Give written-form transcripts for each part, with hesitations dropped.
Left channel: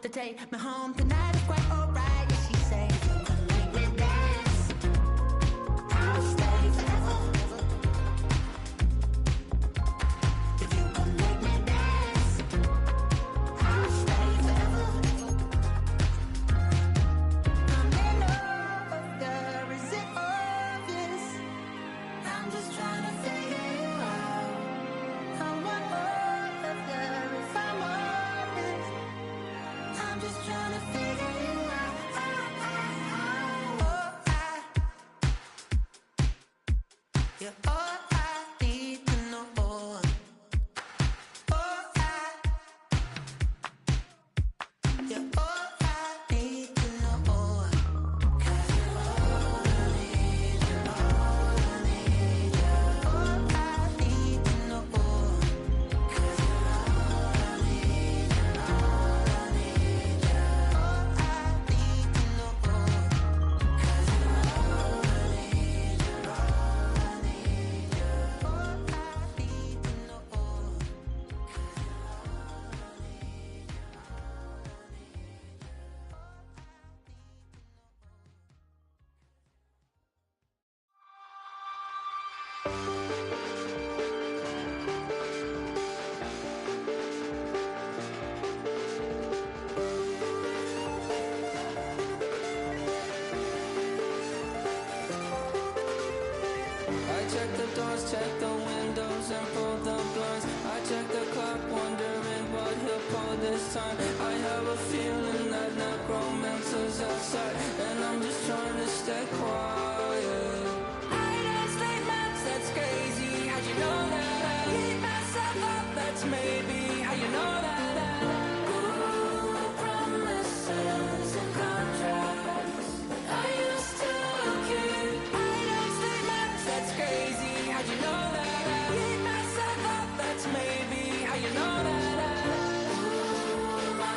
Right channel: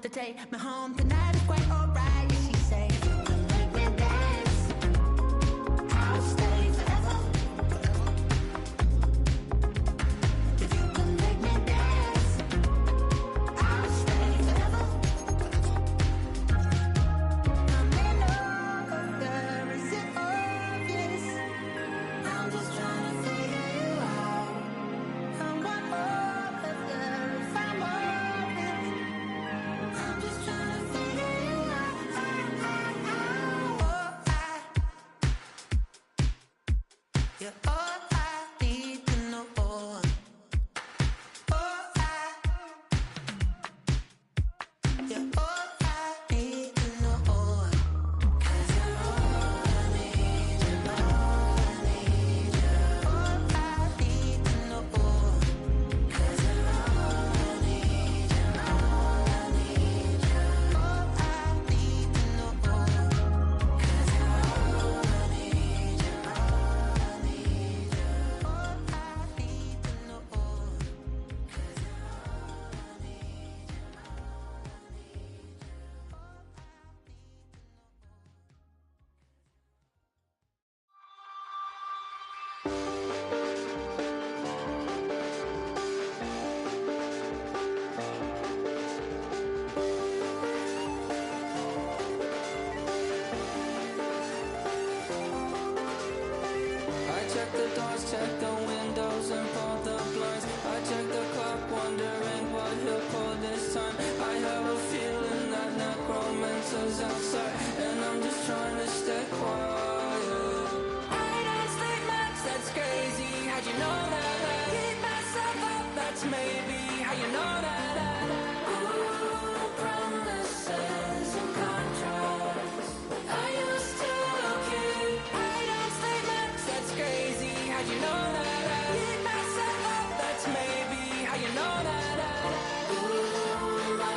to take me home tonight is quite alright. Yeah, she say, you can make me dance, I'll stay forever. If you can make me dance, I'll stay forever. I'm in love, yeah, is it obvious? I'm just trying to figure you out. I want all of you if I'm honest. I'm just trying to figure you out. Oh, you're all I need to know. Oh, you're all I need to know. 'Cause you're all I need, you're all I need, you're all I need to know. 'Cause you're all I need, you're all I need, you're all I need to know. 'Cause you're all I need, you're all I need, you're all I need to know. 'Cause you're all I need, you're all I need, you're all I need. I check the doors, check the windows, and pull the blinds. I check the clock, wondering what he'll pull this time. I have a feeling that necromancer's outside, and I'm just trying to stay quiet. I don't stay much, that's crazy. How'd you know that? I keep myself up, that's maybe how you know that. Ooh, promises and contracts. I used to keep. I don't stay much, that's crazy. How'd you know that? I keep myself up, that's maybe how you know that. Ooh, my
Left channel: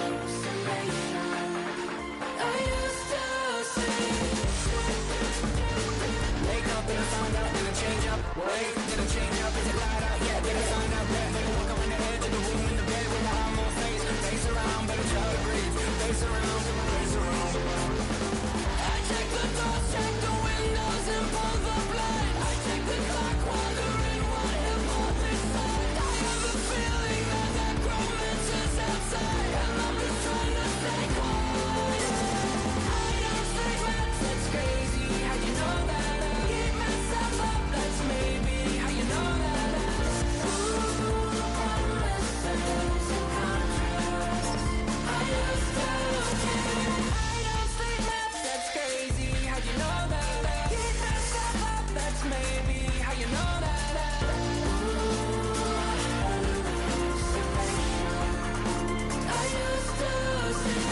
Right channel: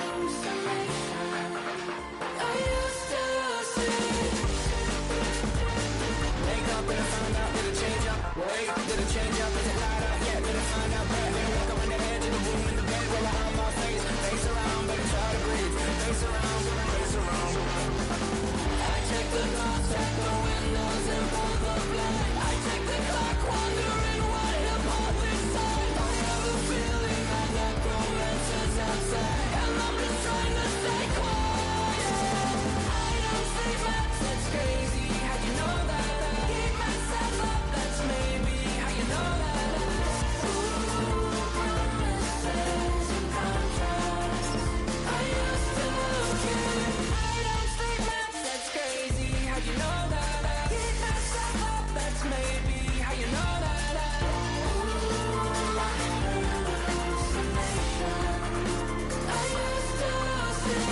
hallucination. I used to see. Wake up and I found out, did it change up? Wait, did it change up? Is it light out? Yeah, did I find out? Better walk around the edge of the room in the bed with my arm on face. Face around, better try to breathe. Face around, face around. I check the doors, check the windows, and pull the blind. I check the clock, wondering what he'll pull this time. I have a feeling that necromancer's outside, and I'm just trying to stay quiet. I don't say much, that's crazy. How'd you know that? I keep myself up, that's maybe how you know that. Ooh, promises and contracts. I used to keep. I don't stay much, that's crazy. How'd you know that? I keep myself up, that's maybe how you know that. Ooh, my hallucination. I used to see.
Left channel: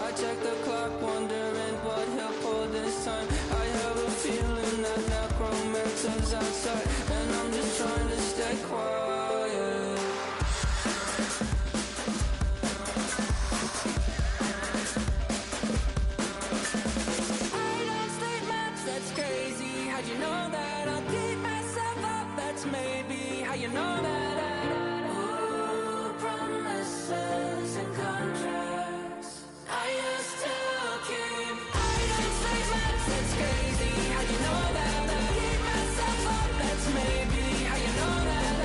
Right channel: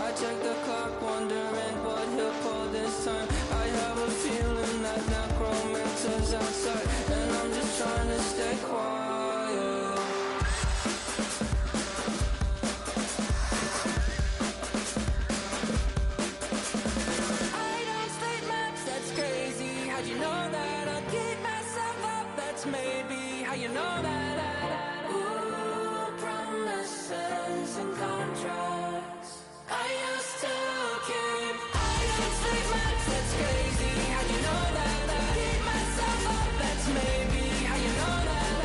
I check the clock, wondering what he'll pull this time. I have a feeling that necromancer's outside, and I'm just trying to stay quiet. I don't stay much, that's crazy. How'd you know that? I'll keep myself up, that's maybe how you know that. Ooh, promises and contracts. I used to keep. I don't stay much, that's crazy. How'd you know that? I keep myself up, that's maybe how you know that.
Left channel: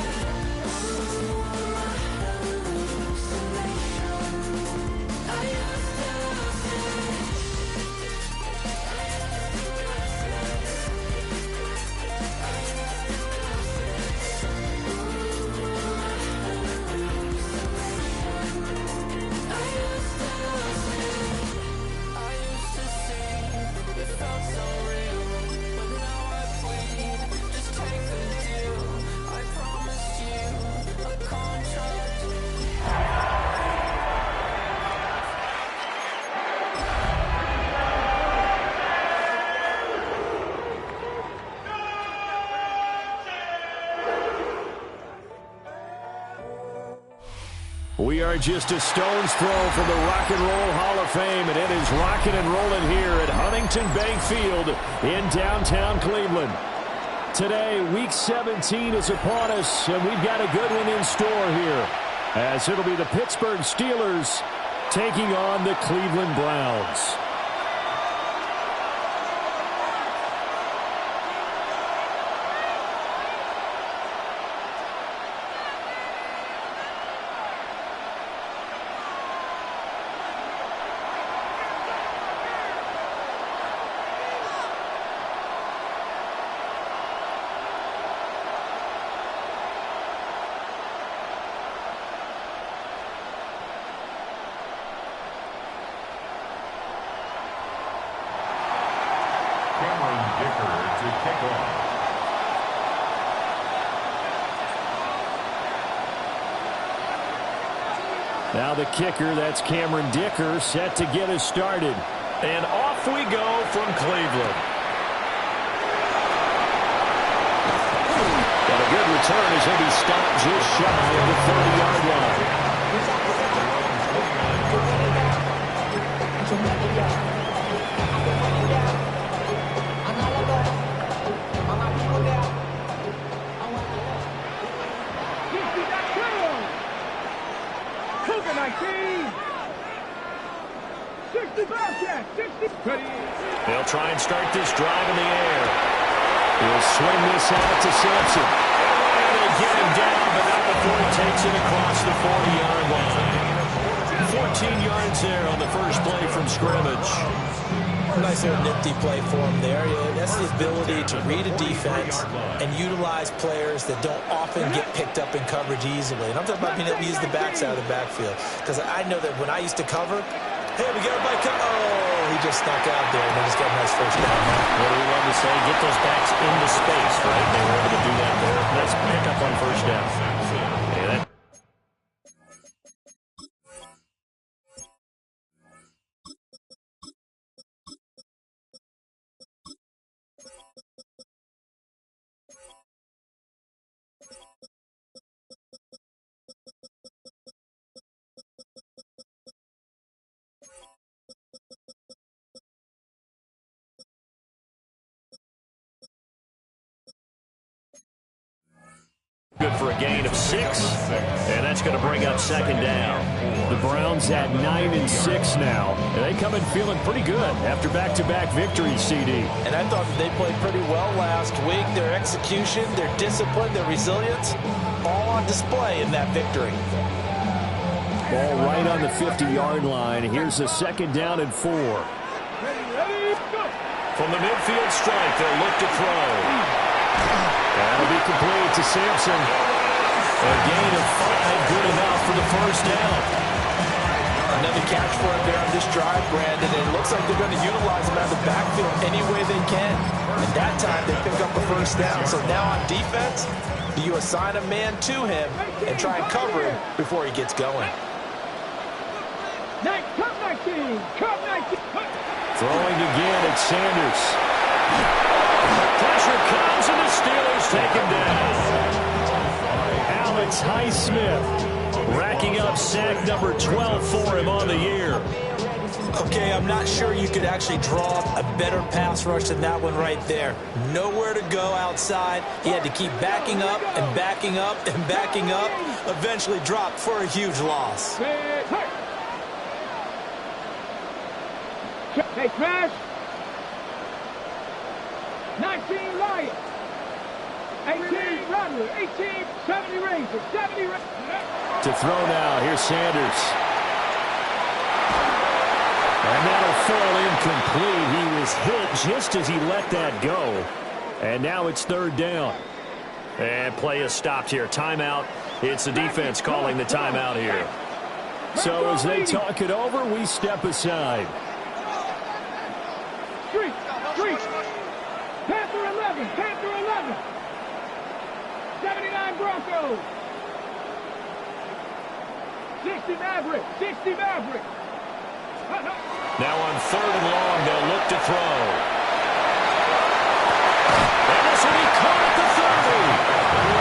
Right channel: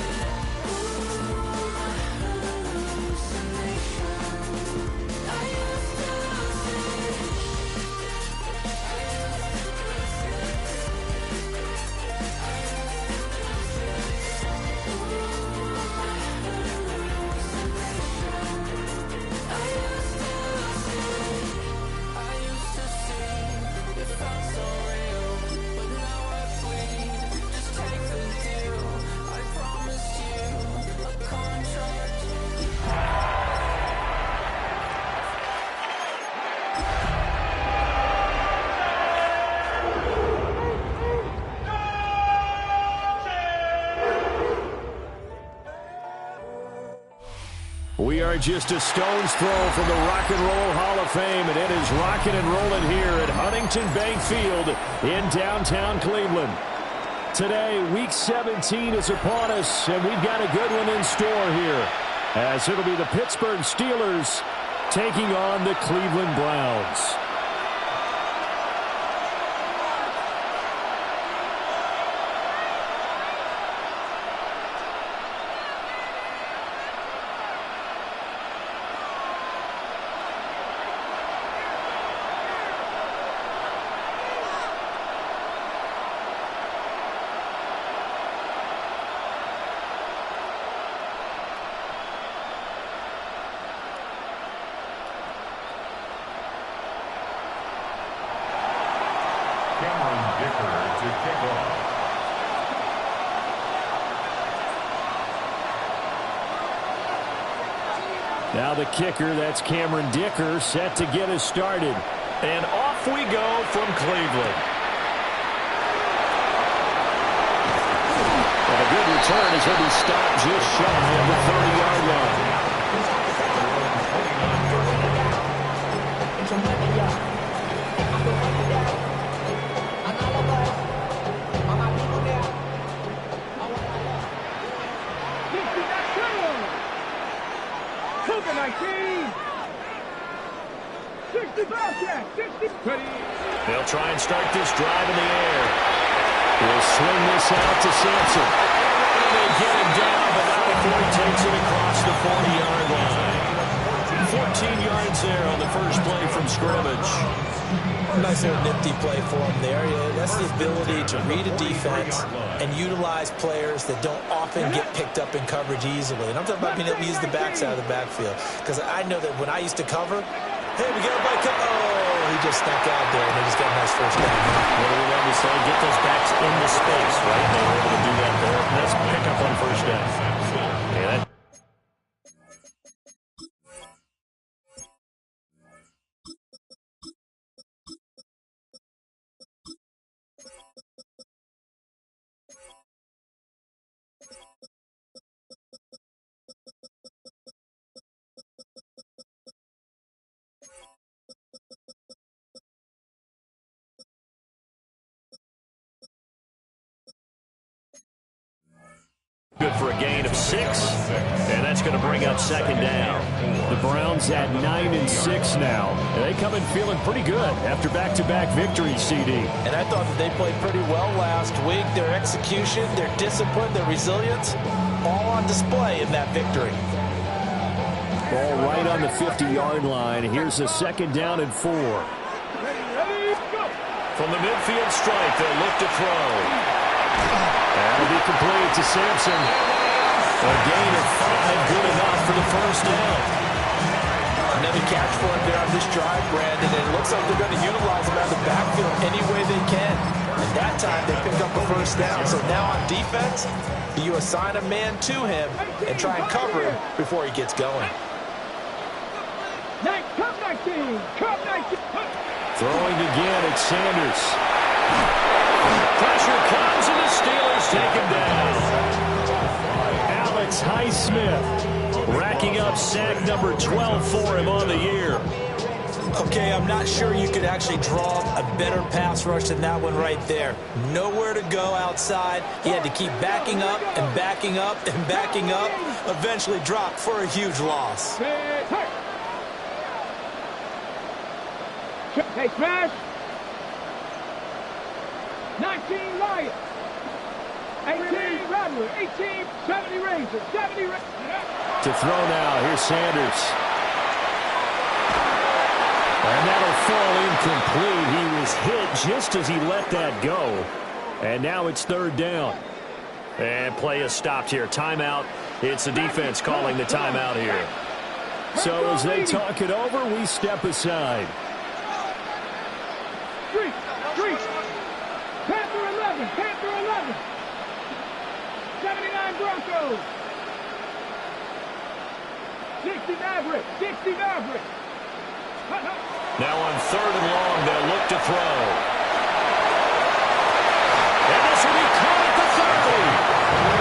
We are just a stone's throw from the Rock and Roll Hall of Fame, and it is rocking and rolling here at Huntington Bank Field in downtown Cleveland. Today, Week 17 is upon us, and we've got a good one in store here, as it'll be the Pittsburgh Steelers taking on the Cleveland Browns. To kick off. Now the kicker, that's Cameron Dicker, set to get us started. And off we go from Cleveland. And a good return as he'll be stopped just shy of the 30-yard line. They'll try and start this drive in the air. He'll swing this out to Sampson. And they get him down, but not before he takes it across the 40-yard line. 14 yards there on the first play from scrimmage. Nice little nifty play for him there. Yeah, that's the ability to read a defense and utilize players that don't often get picked up in coverage easily. And I'm talking about being able to use the backs out of the backfield. Because I know that when I used to cover, hey, we got everybody come. Oh, he just snuck out there, and they just got a nice first down. What do we love to say? Get those backs into space, right? They were able to do that there. Nice pick up on first down. Yeah, that. Good for a gain of 6, and that's going to bring up second down. The Browns at 9-6 now, and they come in feeling pretty good after back-to-back victories, CD. And I thought that they played pretty well last week. Their execution, their discipline, their resilience, all on display in that victory. Ball right on the 50-yard line. Here's a second down and 4. From the midfield stripe, they'll look to throw. That'll be complete to Sampson. A gain of 5, good enough for the first down. Another catch for him there on this drive, Brandon, and it looks like they're going to utilize him out of the backfield any way they can. And that time they pick up a first down. So now on defense, you assign a man to him and try and cover him before he gets going. Come 19! Come 19! Throwing again at Sanders. Pressure comes, and the Steelers take him down. Alex Highsmith racking up sack number 12 for him on the year. Okay, I'm not sure you could actually draw a better pass rush than that one right there. Nowhere to go outside. He had to keep backing up and backing up and backing up. Eventually dropped for a huge loss. Hey, smash! 19 Lions. 18 Rattler. 18 70 Razor. 70 Razor. To throw now. Here's Sanders. And that'll fall incomplete. He was hit just as he let that go. And now it's third down. And play is stopped here. Timeout. It's the defense calling the timeout here. So as they talk it over, we step aside. Street. Panther 11. Panther 11. 79 Broncos. 60 Maverick. 60 Maverick. Now on third and long, they'll look to throw. And this will be caught at the 30.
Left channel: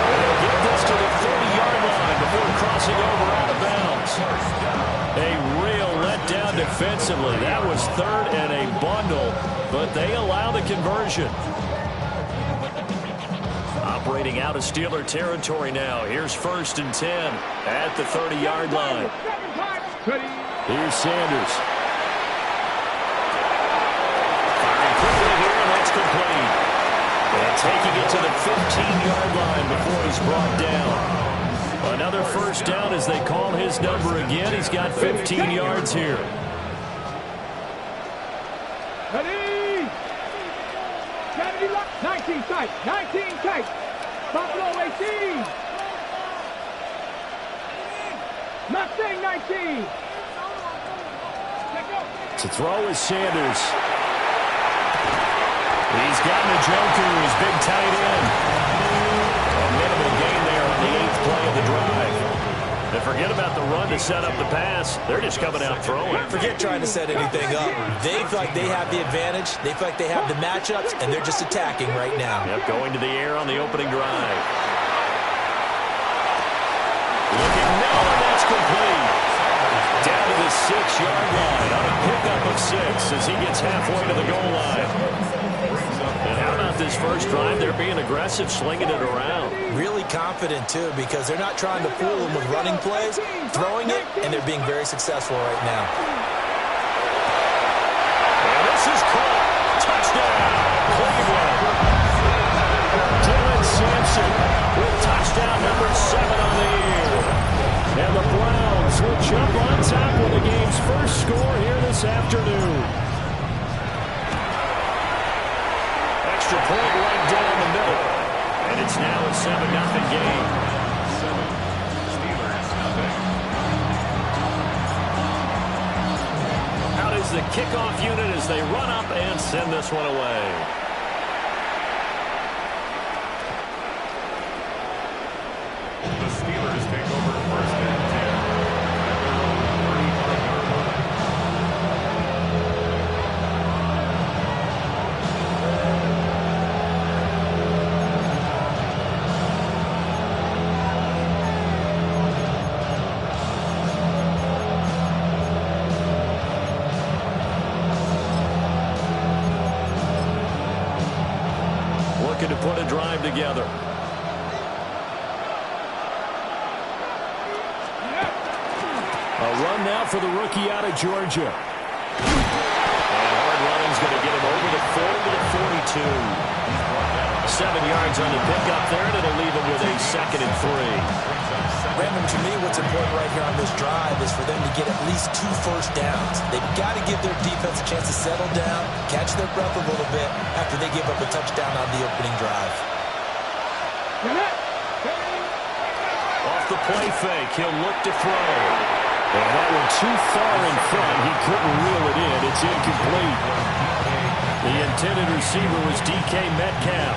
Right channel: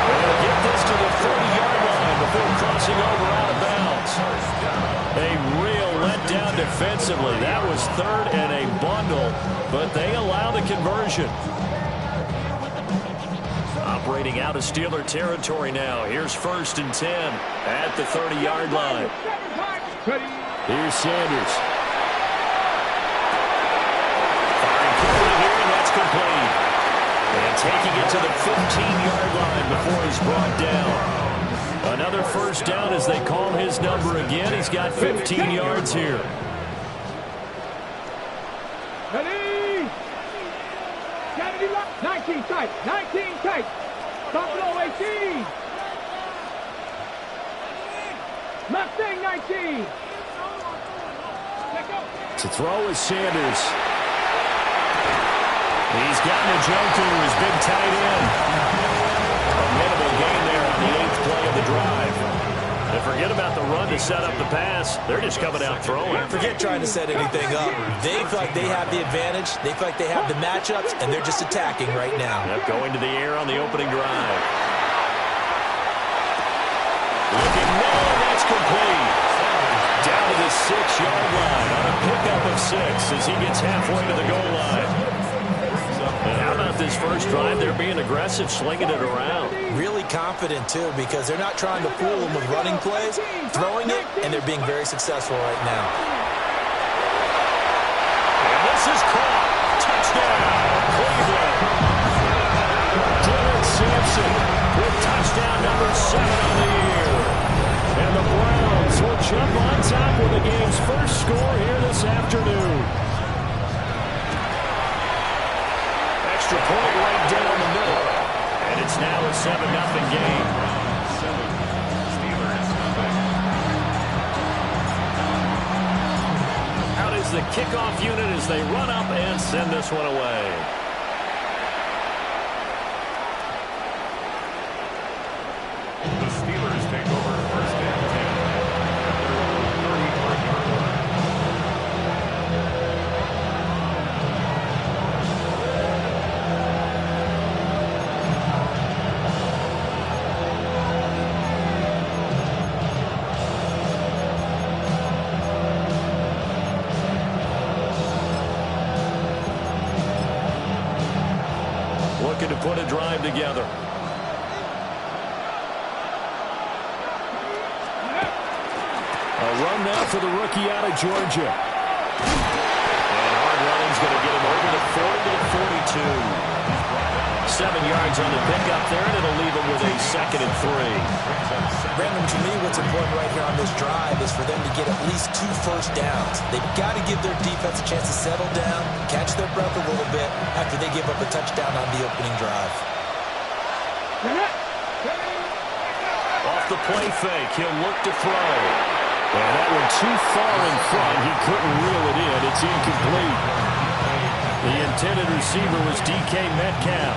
And they'll get this to the 30-yard line before crossing over out of bounds. yards. A real letdown defensively. That was third and a bundle, but they allow the conversion. Operating out of Steeler territory now. Here's 1st and 10 at the 30-yard line. Here's Sanders. Firing quickly here, and that's complete. And taking it to the 15-yard line before he's brought down. Another first down as they call his number again. He's got 15 yards here. Ready? 19 tight. 19 tight. Buffalo 18. Mustang 19. To throw is Sanders. He's got Njoku, his big tight end. A minimal gain there on the 8th play of the drive. And forget about the run to set up the pass. They're just coming out throwing. Forget trying to set anything up. They feel like they have the advantage. They feel like they have the matchups, and they're just attacking right now. Yep, going to the air on the opening drive. Looking now, and that's complete. Down to the 6-yard line on a pickup of 6 as he gets halfway to the goal line. And how about this first drive? They're being aggressive, slinging it around. Really confident, too, because they're not trying to fool them with running plays, throwing it, and they're being very successful right now. And this is caught. Touchdown, Cleveland. Dylan Sampson with touchdown number 7 on the year. And the Browns will jump on top with the game's first score here this afternoon. Extra point right down the middle. And it's now a 7-0 game. 7, Steelers nothing. Out is the kickoff unit as they run up and send this one away. The Steelers take over 1st and 10 at their own 35-yard line. Looking to put a drive together. A run now for the rookie out of Georgia. And hard running's going to get him over the 40 to the 42. 7 yards on the pickup there, and it'll leave him with a 2nd and 3. Brandon, to me, what's important right here on this drive is for them to get at least 2 first downs. They've got to give their defense a chance to settle down, catch their breath a little bit after they give up a touchdown on the opening drive. Off the play fake, he'll look to throw. And that one too far in front. He couldn't reel it in. It's incomplete. The intended receiver was DK Metcalf.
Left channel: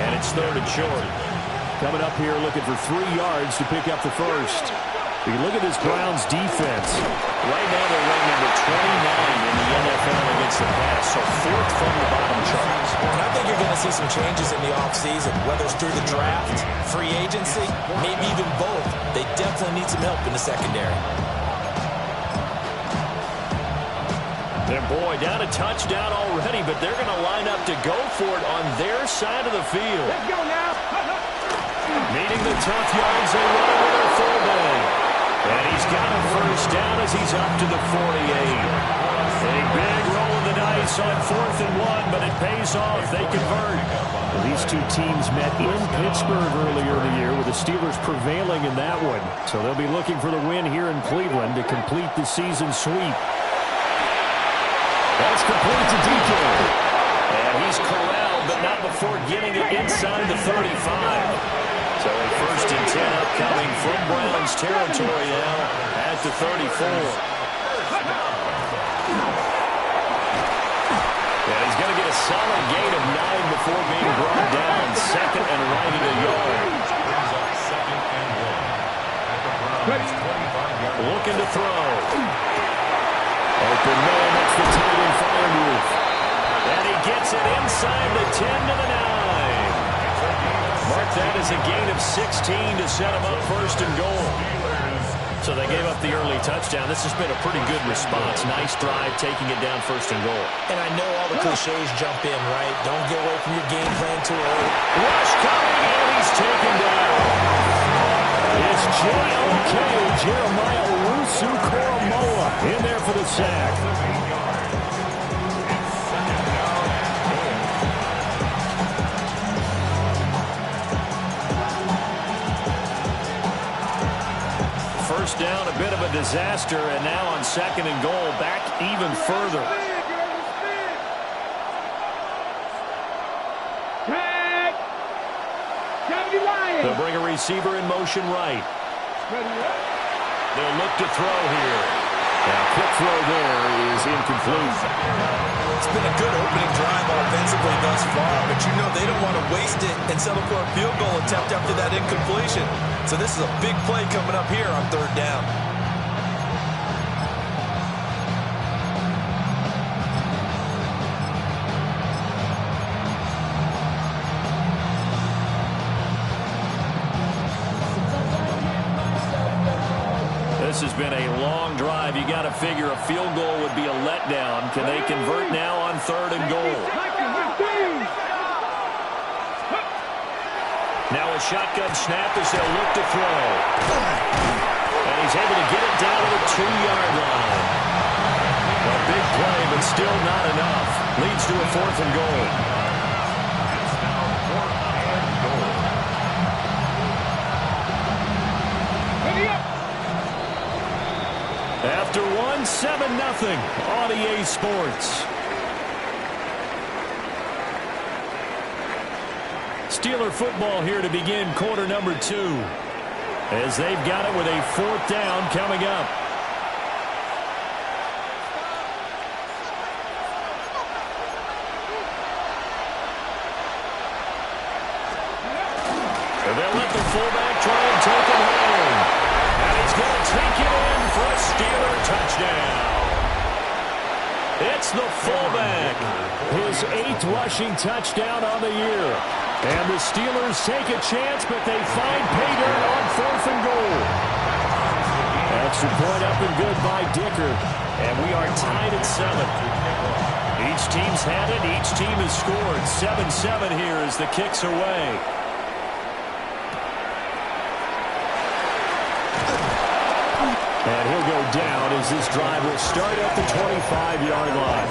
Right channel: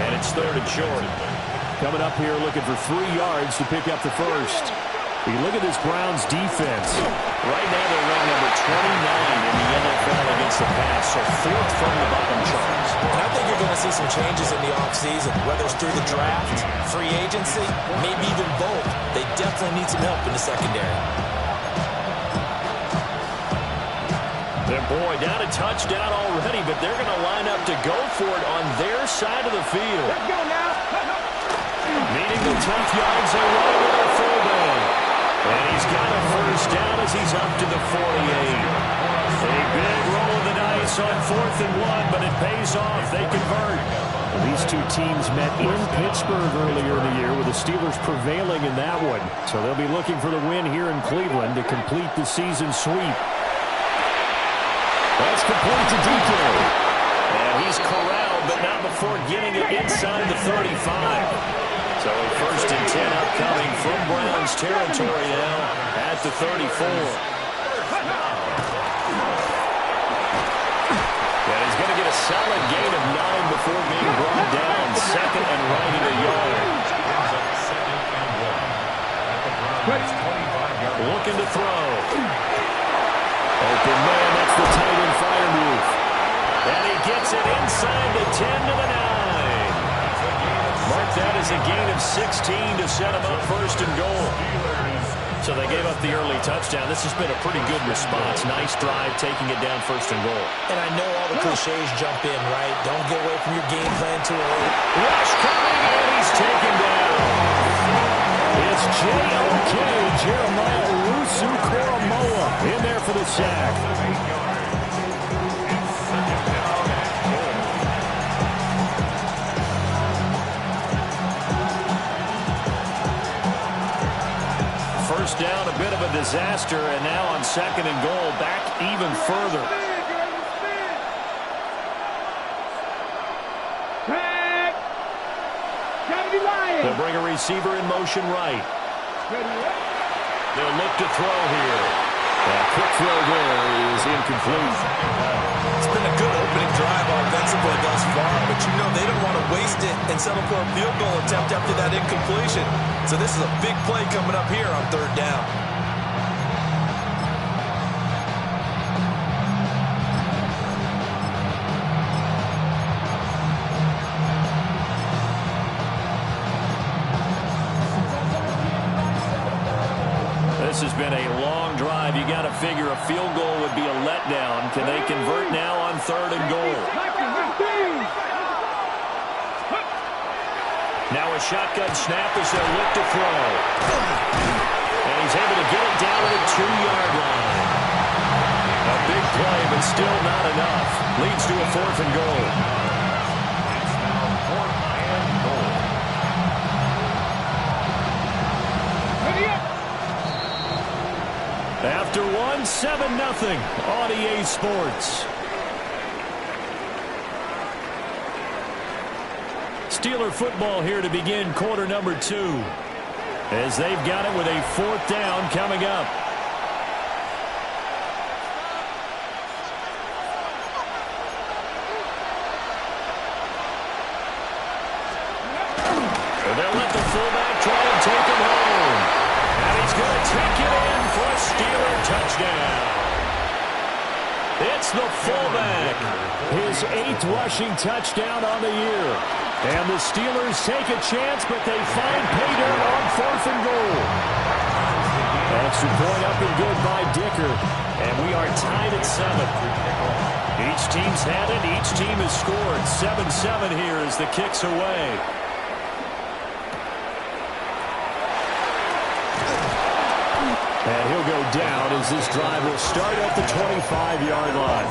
And it's 3rd and short. Coming up here looking for 3 yards to pick up the first. You look at this Browns defense. Right now they're ranked number 29 in the NFL against the pass. So 4th from the bottom charts. And I think you're going to see some changes in the offseason, whether it's through the draft, free agency, maybe even both. They definitely need some help in the secondary. And boy, down a touchdown already, but they're going to line up to go for it on their side of the field. Let's go now. Needing the tough yards, they run it with their fullback. And he's got a first down as he's up to the 48. A big roll of the dice on 4th and 1, but it pays off. They convert. Well, these two teams met in Pittsburgh earlier in the year with the Steelers prevailing in that one. So they'll be looking for the win here in Cleveland to complete the season sweep. That's complete to DK. And he's corralled, but not before getting it inside the 35. So a 1st and 10 upcoming from Browns territory now at the 34. And he's going to get a solid gain of 9 before being brought down. 2nd and right at a yard. Brings up 2nd and 1 at the Browns 25-yard line. Looking to throw. Open man, that's the tight end fire move. And he gets it inside the 10 to the 9. Mark that as a gain of 16 to set him up 1st and goal. Steelers So they gave up the early touchdown. This has been a pretty good response. Nice drive, taking it down 1st and goal. And I know all the cliches jump in, right? Don't get away from your game plan too early. Rush coming, and he's taken down. It's J.O.K. Jeremiah Owusu-Koramoah in there for the sack. First down, a bit of a disaster, and now on 2nd and goal, back even further. They'll bring a receiver in motion right. They'll look to throw here. A quick throw there is incomplete. It's been a good opening drive offensively thus far, but you know they don't want to waste it and settle for a field goal attempt after that incompletion. So this is a big play coming up here on 3rd down. This has been a long drive. You got to figure a field goal would be a letdown. Can they convert now on 3rd and goal? Now a shotgun snap as they'll look to throw. And he's able to get it down to the 2-yard line. A big play, but still not enough. Leads to a 4th and goal. It's now 4th and goal. After 7-0 on EA Sports. Steeler football here to begin quarter number 2. As they've got it with a 4th down coming up. They'll let the fullback try and take him home. And he's going to take it in for a Steeler touchdown. It's the fullback. His 8th rushing touchdown on the year. And the Steelers take a chance, but they find pay dirt on 4th and goal. Extra point up and good by Dicker. And we are tied at 7. Each team's had it. Each team has scored. 7-7 here as the kick's away. And he'll go down as this drive will start at the 25-yard line.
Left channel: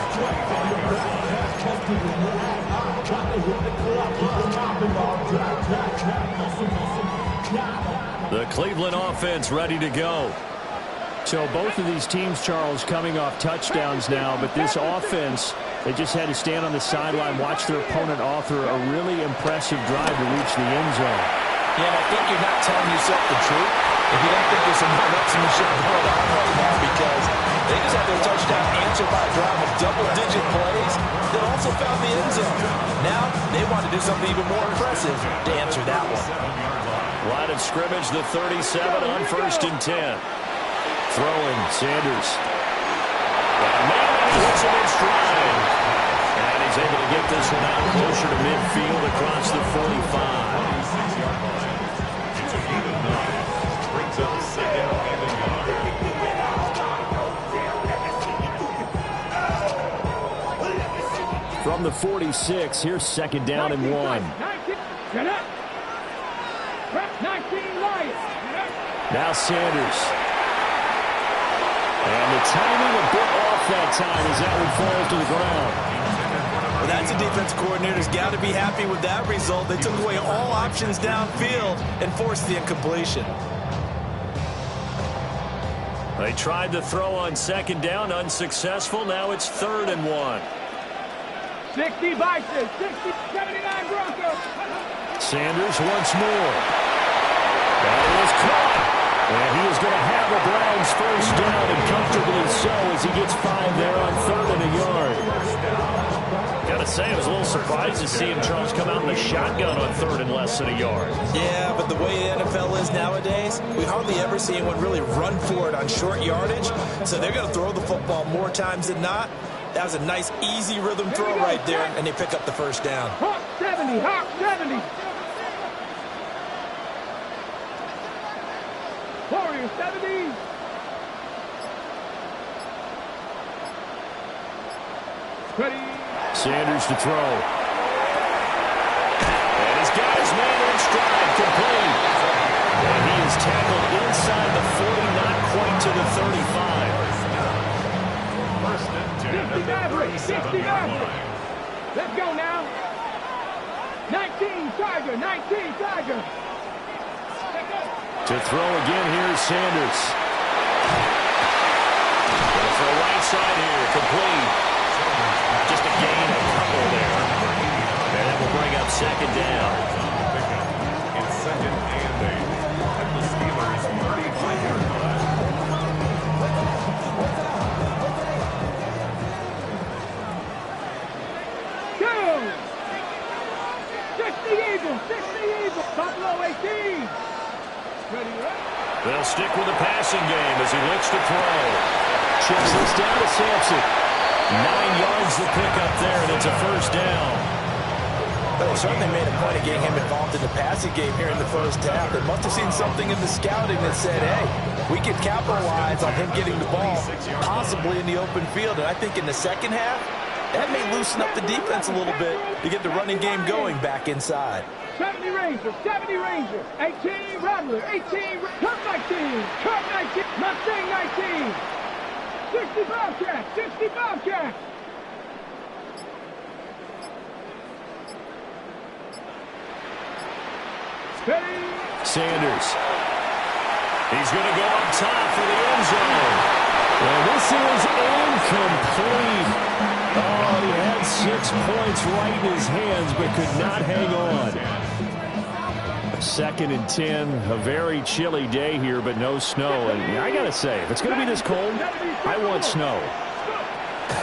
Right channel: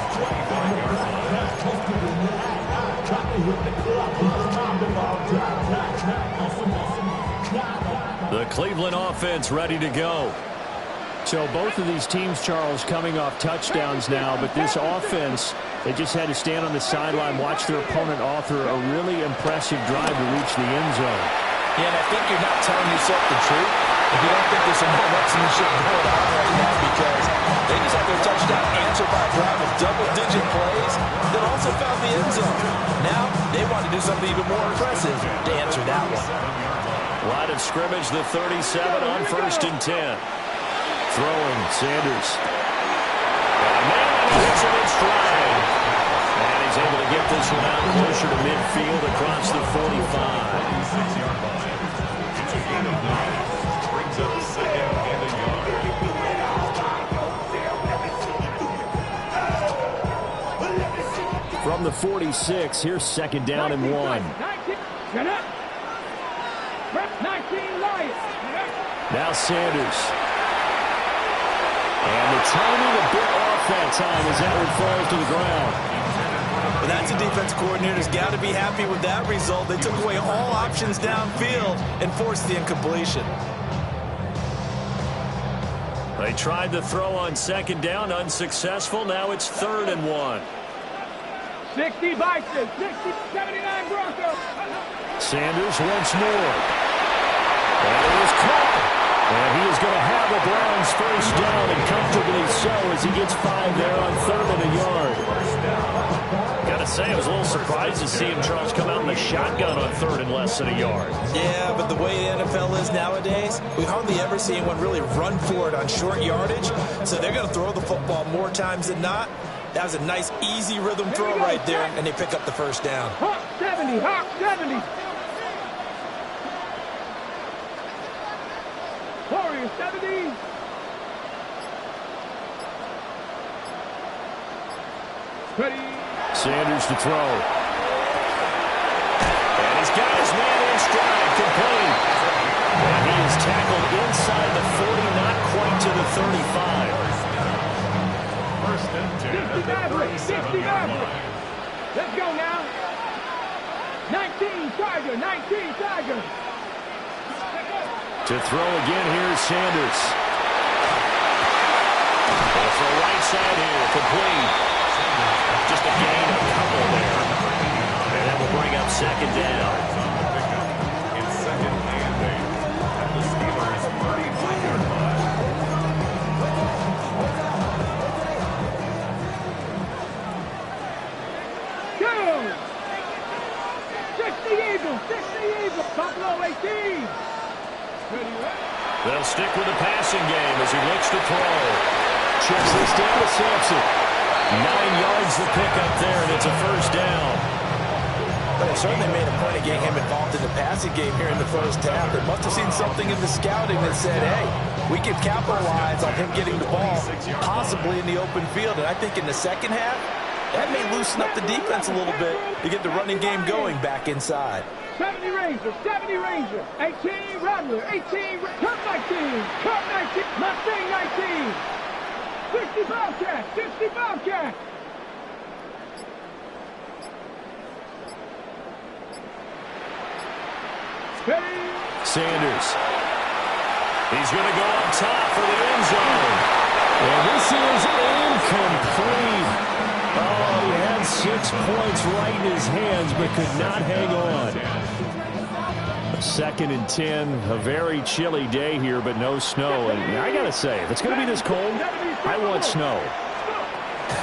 The Cleveland offense ready to go. So both of these teams, Charles, coming off touchdowns now, but this offense, they just had to stand on the sideline, watch their opponent author a really impressive drive to reach the end zone. Yeah, and I think you're not telling yourself the truth if you don't think there's some more marksmanship going on right now, because they just had their touchdown answered by a drive of double-digit plays that also found the end zone. Now they want to do something even more impressive to answer that one. Line of scrimmage, the 37 on 1st and 10. Throwing, Sanders. Got a man, and he hits him in stride. And he's able to get this one out closer to midfield across the 45. 46-yard line. It's a gain of 9. Brings up 2nd and a yard. From the 46, here's 2nd down and 1. 19 Lions. Now Sanders. And the timing a bit off that time as that one falls to the ground. Well, that's a defense coordinator's got to be happy with that result. They took away all options downfield and forced the incompletion. They tried to throw on 2nd down, unsuccessful. Now it's 3rd and 1. 60 Vikings, 60, 79 Broncos. Sanders once more. That is caught. And he is going to have a Browns 1st down, and comfortably so, as he gets 5 there on 3rd and a yard. Got to say, I was a little surprised to see him, Charles, come out in the shotgun on 3rd and less than a yard. Yeah, but the way the NFL is nowadays, we hardly ever see anyone really run for it on short yardage. So they're going to throw the football more times than not. That was a nice, easy rhythm throw right there, and they pick up the 1st down. Hawk 70, Hawk 70. Warriors Tiger, 70. Ready. Sanders to throw. And he's got his man in stride, complete. And he is tackled inside the 40, not quite to the 35. First and 10 at the 37-yard line. Let's go now. 19 Tiger, 19 Tiger. To throw again, here's Sanders. Going to throw right side here, complete. Just a gain of a couple there. And that will bring up second down. In second and 8 at the Steelers' 35-yard line. Go! 60 Eagles, 60 Eagles. Buffalo 18. Ready, ready. They'll stick with the passing game as he looks to throw. Chips this down to Sampson. 9 yards the pickup there, and it's a first down. But they certainly made a point of getting him involved in the passing game here in the first half. They must have seen something in the scouting that said, hey, we can capitalize on him getting the ball, possibly in the open field. And I think in the second half, that may loosen up the defense a little bit to get the running game going back inside. 70 Ranger, 70 Ranger. 18 Rattler, 18 Curve 19, Curve 19, Mustang 19. 60 Bobcat, 60 Bobcat. Ready. Sanders. He's going to go up top for the end zone. And this is incomplete. Oh, he had 6 points right in his hands but could not hang on. Second and 10, a very chilly day here, but no snow. And I got to say, if it's going to be this cold, I want snow.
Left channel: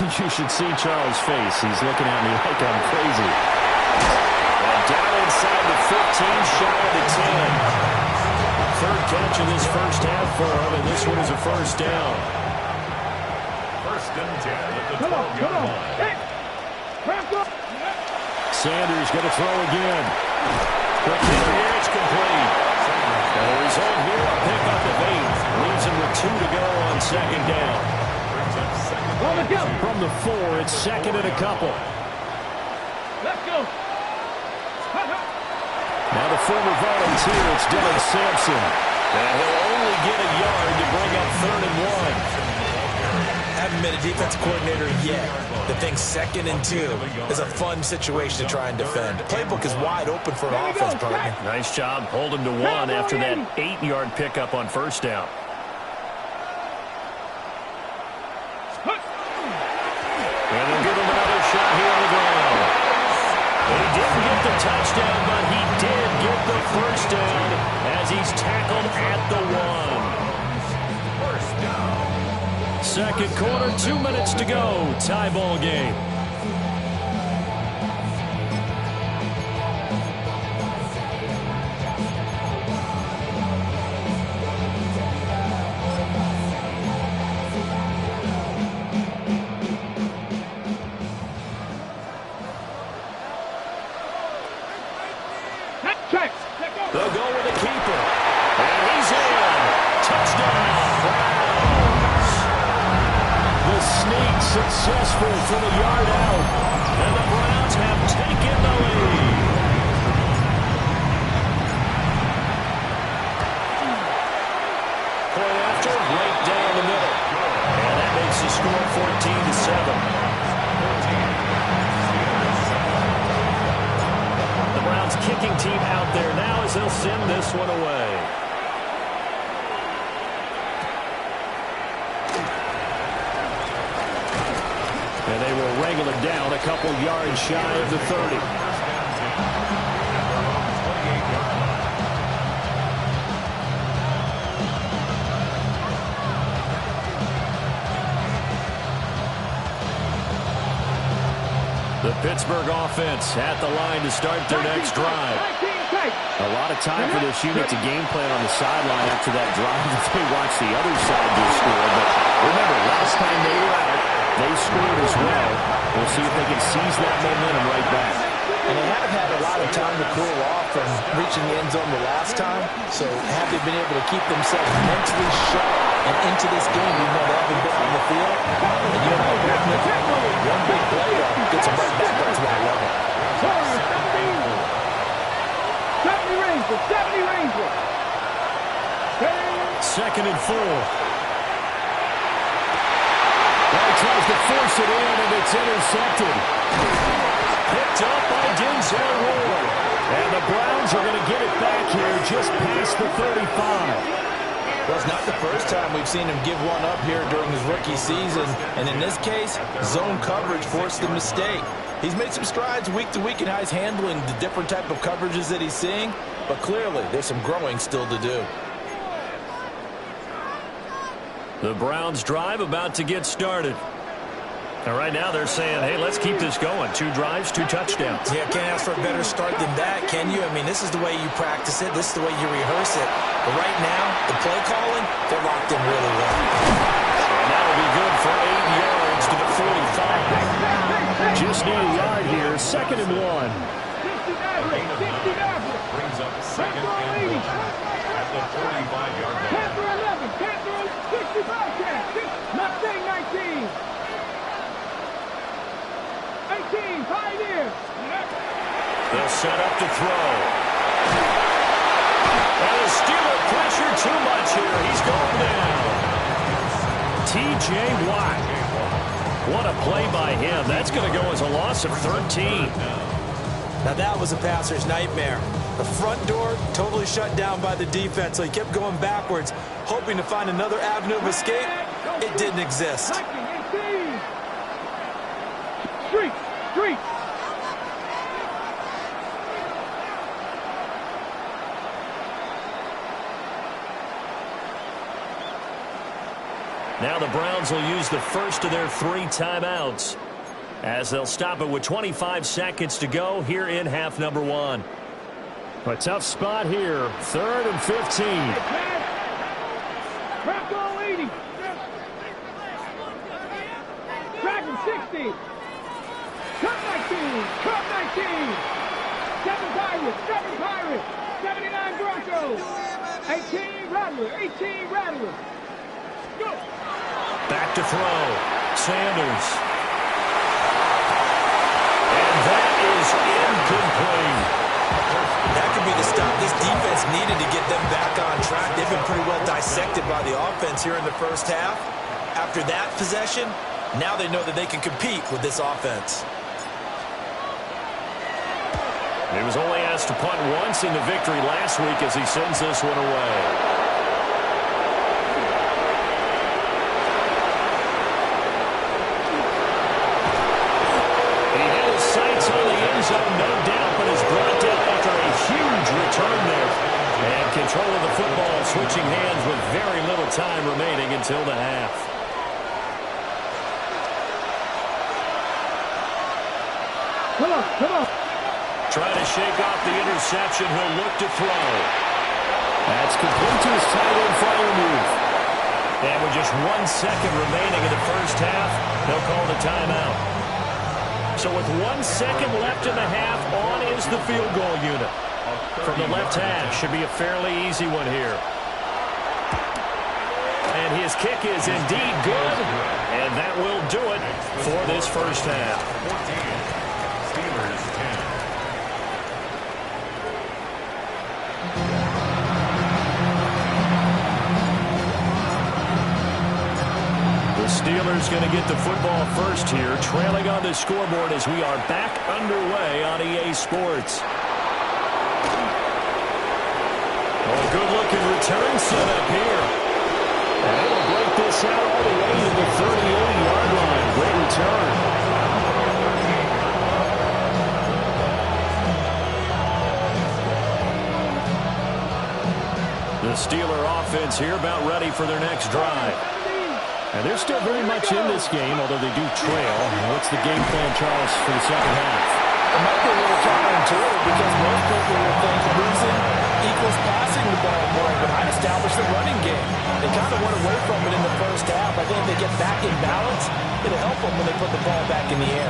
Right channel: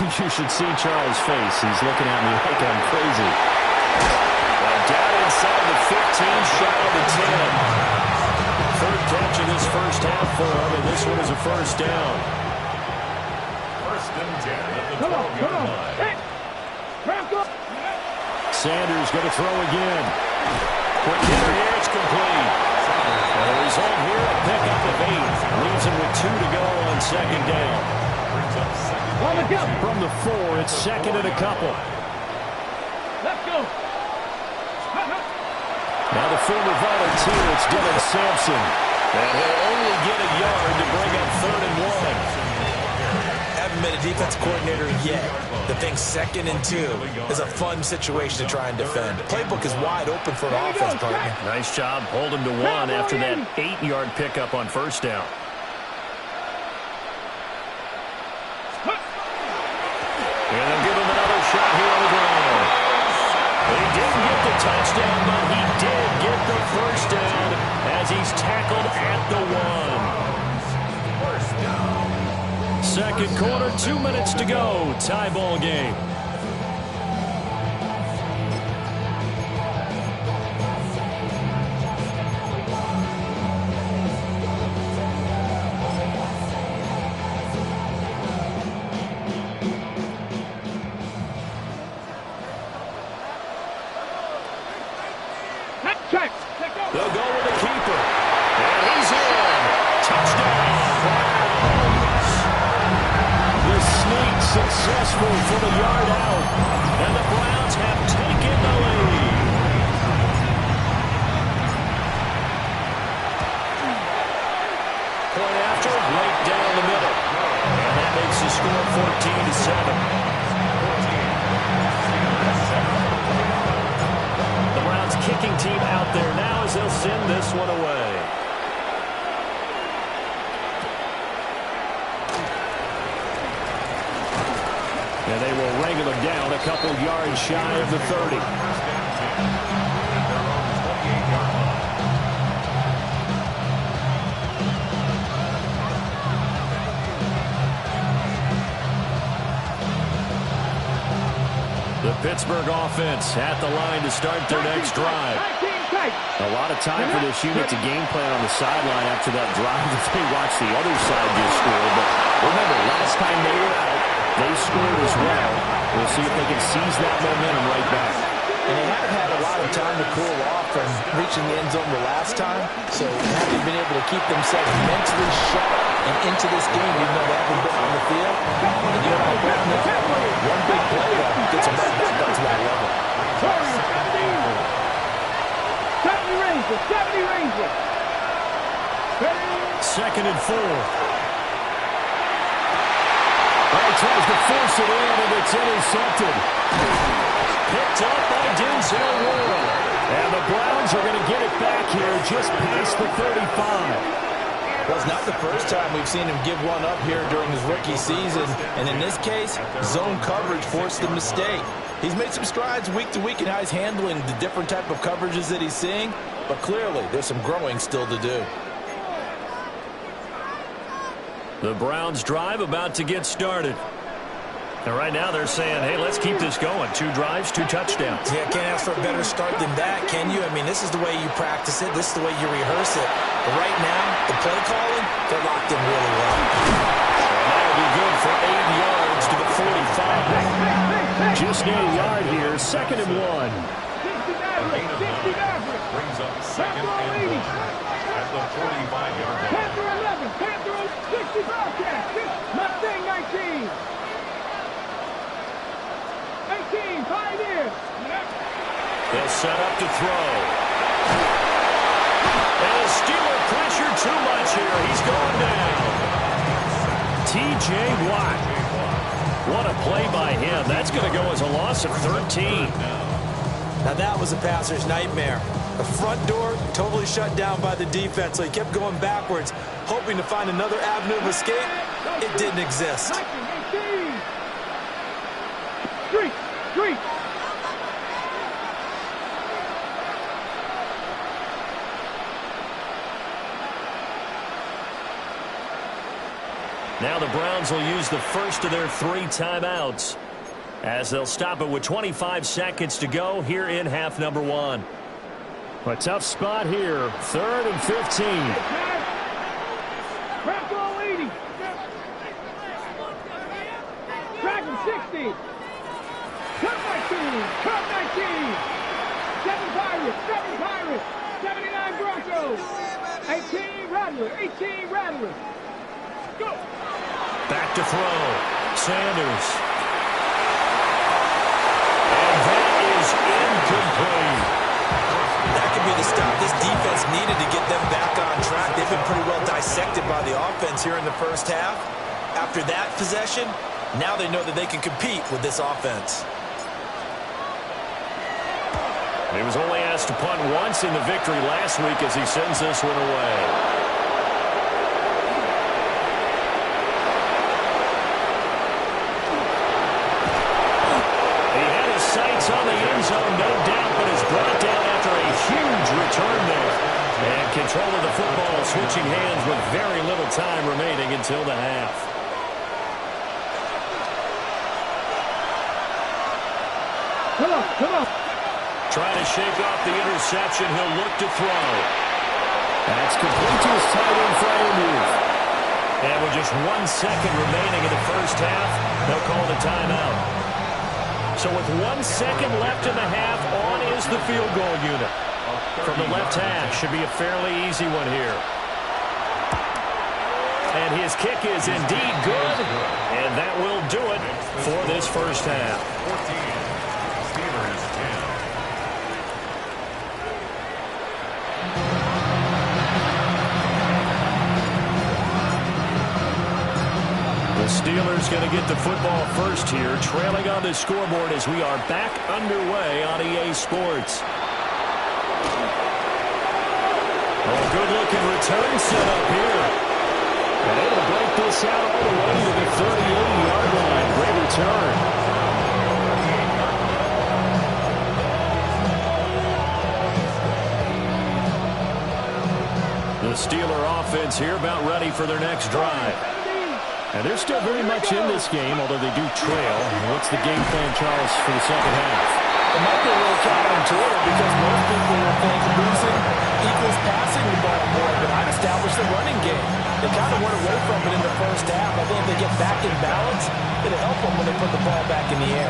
You should see Charles' face. He's looking at me like I'm crazy. And down inside the 15, shy of the 10. Third catch of this first half for him, and this one is a first down. First and 10 at the 12-yard line. Hey, Broncos. Sanders going to throw again. Quick hitter here, it's complete. And the result here, a pickup of 8. Leaves him with 2 to go on second down. Brings up second On the down. go. From the 4, it's second and a couple. Let's go. Now the former volunteer, it's Dylan Sampson. And he'll only get a yard to bring up 3rd and 1. Haven't been a defense coordinator yet. The thing 2nd and 2 is a fun situation to try and defend. Playbook is wide open for an offense, partner. Nice job holding to 1 after that 8-yard pickup on first down. And they'll give him another shot here on the ground. He didn't get the touchdown, but he did get the first down as he's tackled at the 1. First down. Second quarter, 2 minutes to go. Tie ball game. Check. They'll go with the keeper. And he's in. Touchdown, Browns. The sneak successful for the yard out. And the Browns have taken the lead. Point after, right down the middle. And that makes the score 14-7. The Browns kicking team out there now as they'll send this one away. And they will wrangle him down a couple yards shy of the 30. First and 10 at their own 28-yard line. The Pittsburgh offense at the line to start their next drive. A lot of time for this unit to game plan on the sideline after that drive that they watched the other side just score. But remember, last time they were out, they scored as well. We'll see if they can seize that momentum right back. And they haven't had a lot of time to cool off from reaching the end zone the last time. So have they been able to keep themselves mentally sharp and into this game, even though they haven't been on the field? And you and I both know one big play, though, gets them right back up to that level. 70 Rangers, 70 Rangers. Second and 4. Well, he tries to force it in, and it's intercepted. Picked up by Denzel Ward. And the Browns are going to get it back here just past the 35. Well, it's not the first time we've seen him give one up here during his rookie season. And in this case, zone coverage forced the mistake. He's made some strides week to week in how he's handling the different type of coverages that he's seeing. But clearly, there's some growing still to do. The Browns drive about to get started. And right now they're saying, hey, let's keep this going. 2 drives, 2 touchdowns. Yeah, can't ask for a better start than that, can you? I mean, this is the way you practice it. This is the way you rehearse it. But right now, the play calling, they're locked in really well. And that'll be good for 8 yards to the 45. Just need a yard here, second and 1. 60 Maverick, 60 Maverick. Brings up second and 1 at the 45-yard line. Panther 11, Panther 60 Bobcats, Mustang 19. 18, Pioneers. They'll set up to throw. And the Steeler pressure too much here. He's going down. T.J. Watt. What a play by him. That's going to go as a loss of 13. Now that was a passer's nightmare. The front door totally shut down by the defense, so he kept going backwards, hoping to find another avenue of escape. It didn't exist. 18. Street, street. Now the Browns will use the first of their 3 timeouts as they'll stop it with 25 seconds to go here in half number 1. A tough spot here, 3rd and 15. Bronco 80. Dragon 60. Cup 19. Cup 19. 7 Pirates. 7 Pirates. 79 Broncos. 18 Rattler. 18 Rattler. Go. Back to throw. Sanders. And that is incomplete. That could be the stop this defense needed to get them back on track. They've been pretty well dissected by the offense here in the first half. After that possession, now they know that they can compete with this offense. He was only asked to punt once in the victory last week as he sends this one away. He had his sights on the end zone, no doubt, but is brought down after a huge return there. And control of the football switching hands with very little time remaining until the half. Come on, come on. Trying to shake off the interception. He'll look to throw. That's complete to his tight end Freiermuth. And with just 1 second remaining in the first half, they'll call the timeout. So with 1 second left in the half, on is the field goal unit. From the left hash, should be a fairly easy one here. And his kick is indeed good. And that will do it for this first half. 14, Steelers 10. The Steelers going to get the football first here, trailing on the scoreboard as we are back underway on EA Sports. Oh, good-looking return set up here. And able to break this out all the way to the 38-yard line. Great return. The Steeler offense here about ready for their next drive. And they're still very much in this game, although they do trail. What's the game plan, Charles, for the second half? It might be a little counterintuitive because most people will think losing equals passing the ball more, but I'd establish the running game. They kind of went away from it in the first half. I think if they get back in balance, it'll help them when they put the ball back in the air.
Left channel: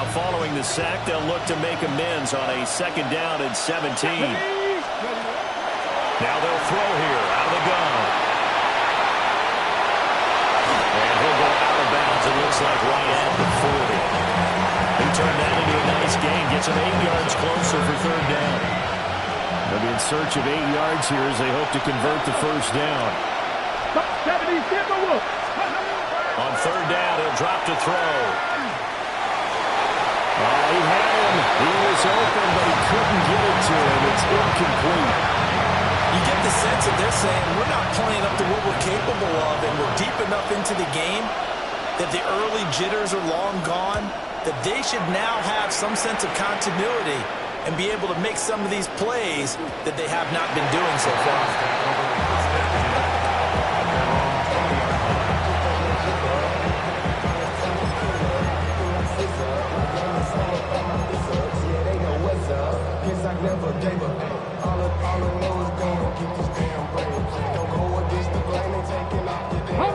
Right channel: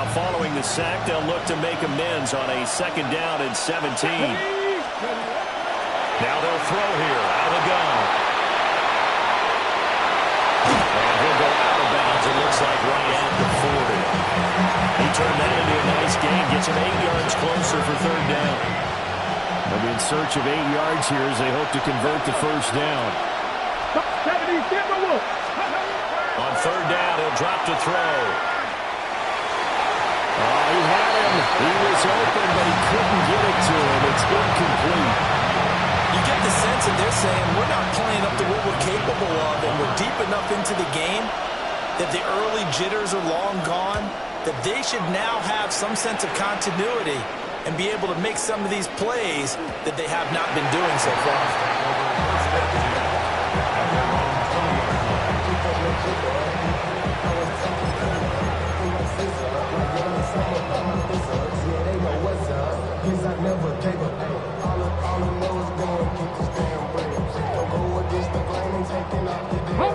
Now following the sack, they'll look to make amends on a 2nd down and 17. Now they'll throw here out of the gun. And he'll go out of bounds, it looks like, right at the 40. He turned that into a nice gain, gets him 8 yards closer for 3rd down. They'll be in search of 8 yards here as they hope to convert the 1st down. On 3rd down, he'll drop to throw. Oh, he had him. He was open, but he couldn't get it to him. It's incomplete. You get the sense that they're saying we're not playing up to what we're capable of, and we're deep enough into the game that the early jitters are long gone, that they should now have some sense of continuity and be able to make some of these plays that they have not been doing so far.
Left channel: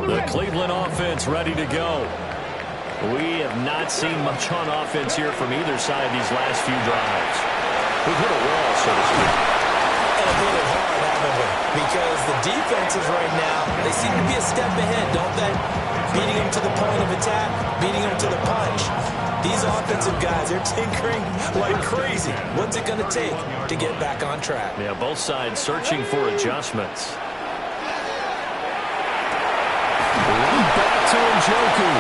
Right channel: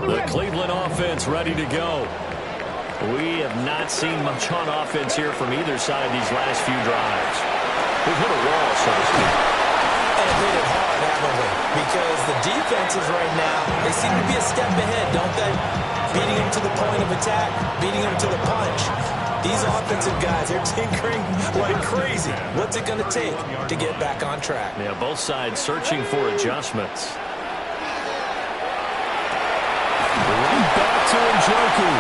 The Cleveland offense ready to go. We have not seen much on offense here from either side these last few drives. We've hit a wall, so to speak. And have hit it hard, haven't we? Because the defenses right now, they seem to be a step ahead, don't they? Beating them to the point of attack, beating them to the punch. These offensive guys, they're tinkering like crazy. What's it going to take to get back on track? Yeah, both sides searching for adjustments. Right back to Njoku.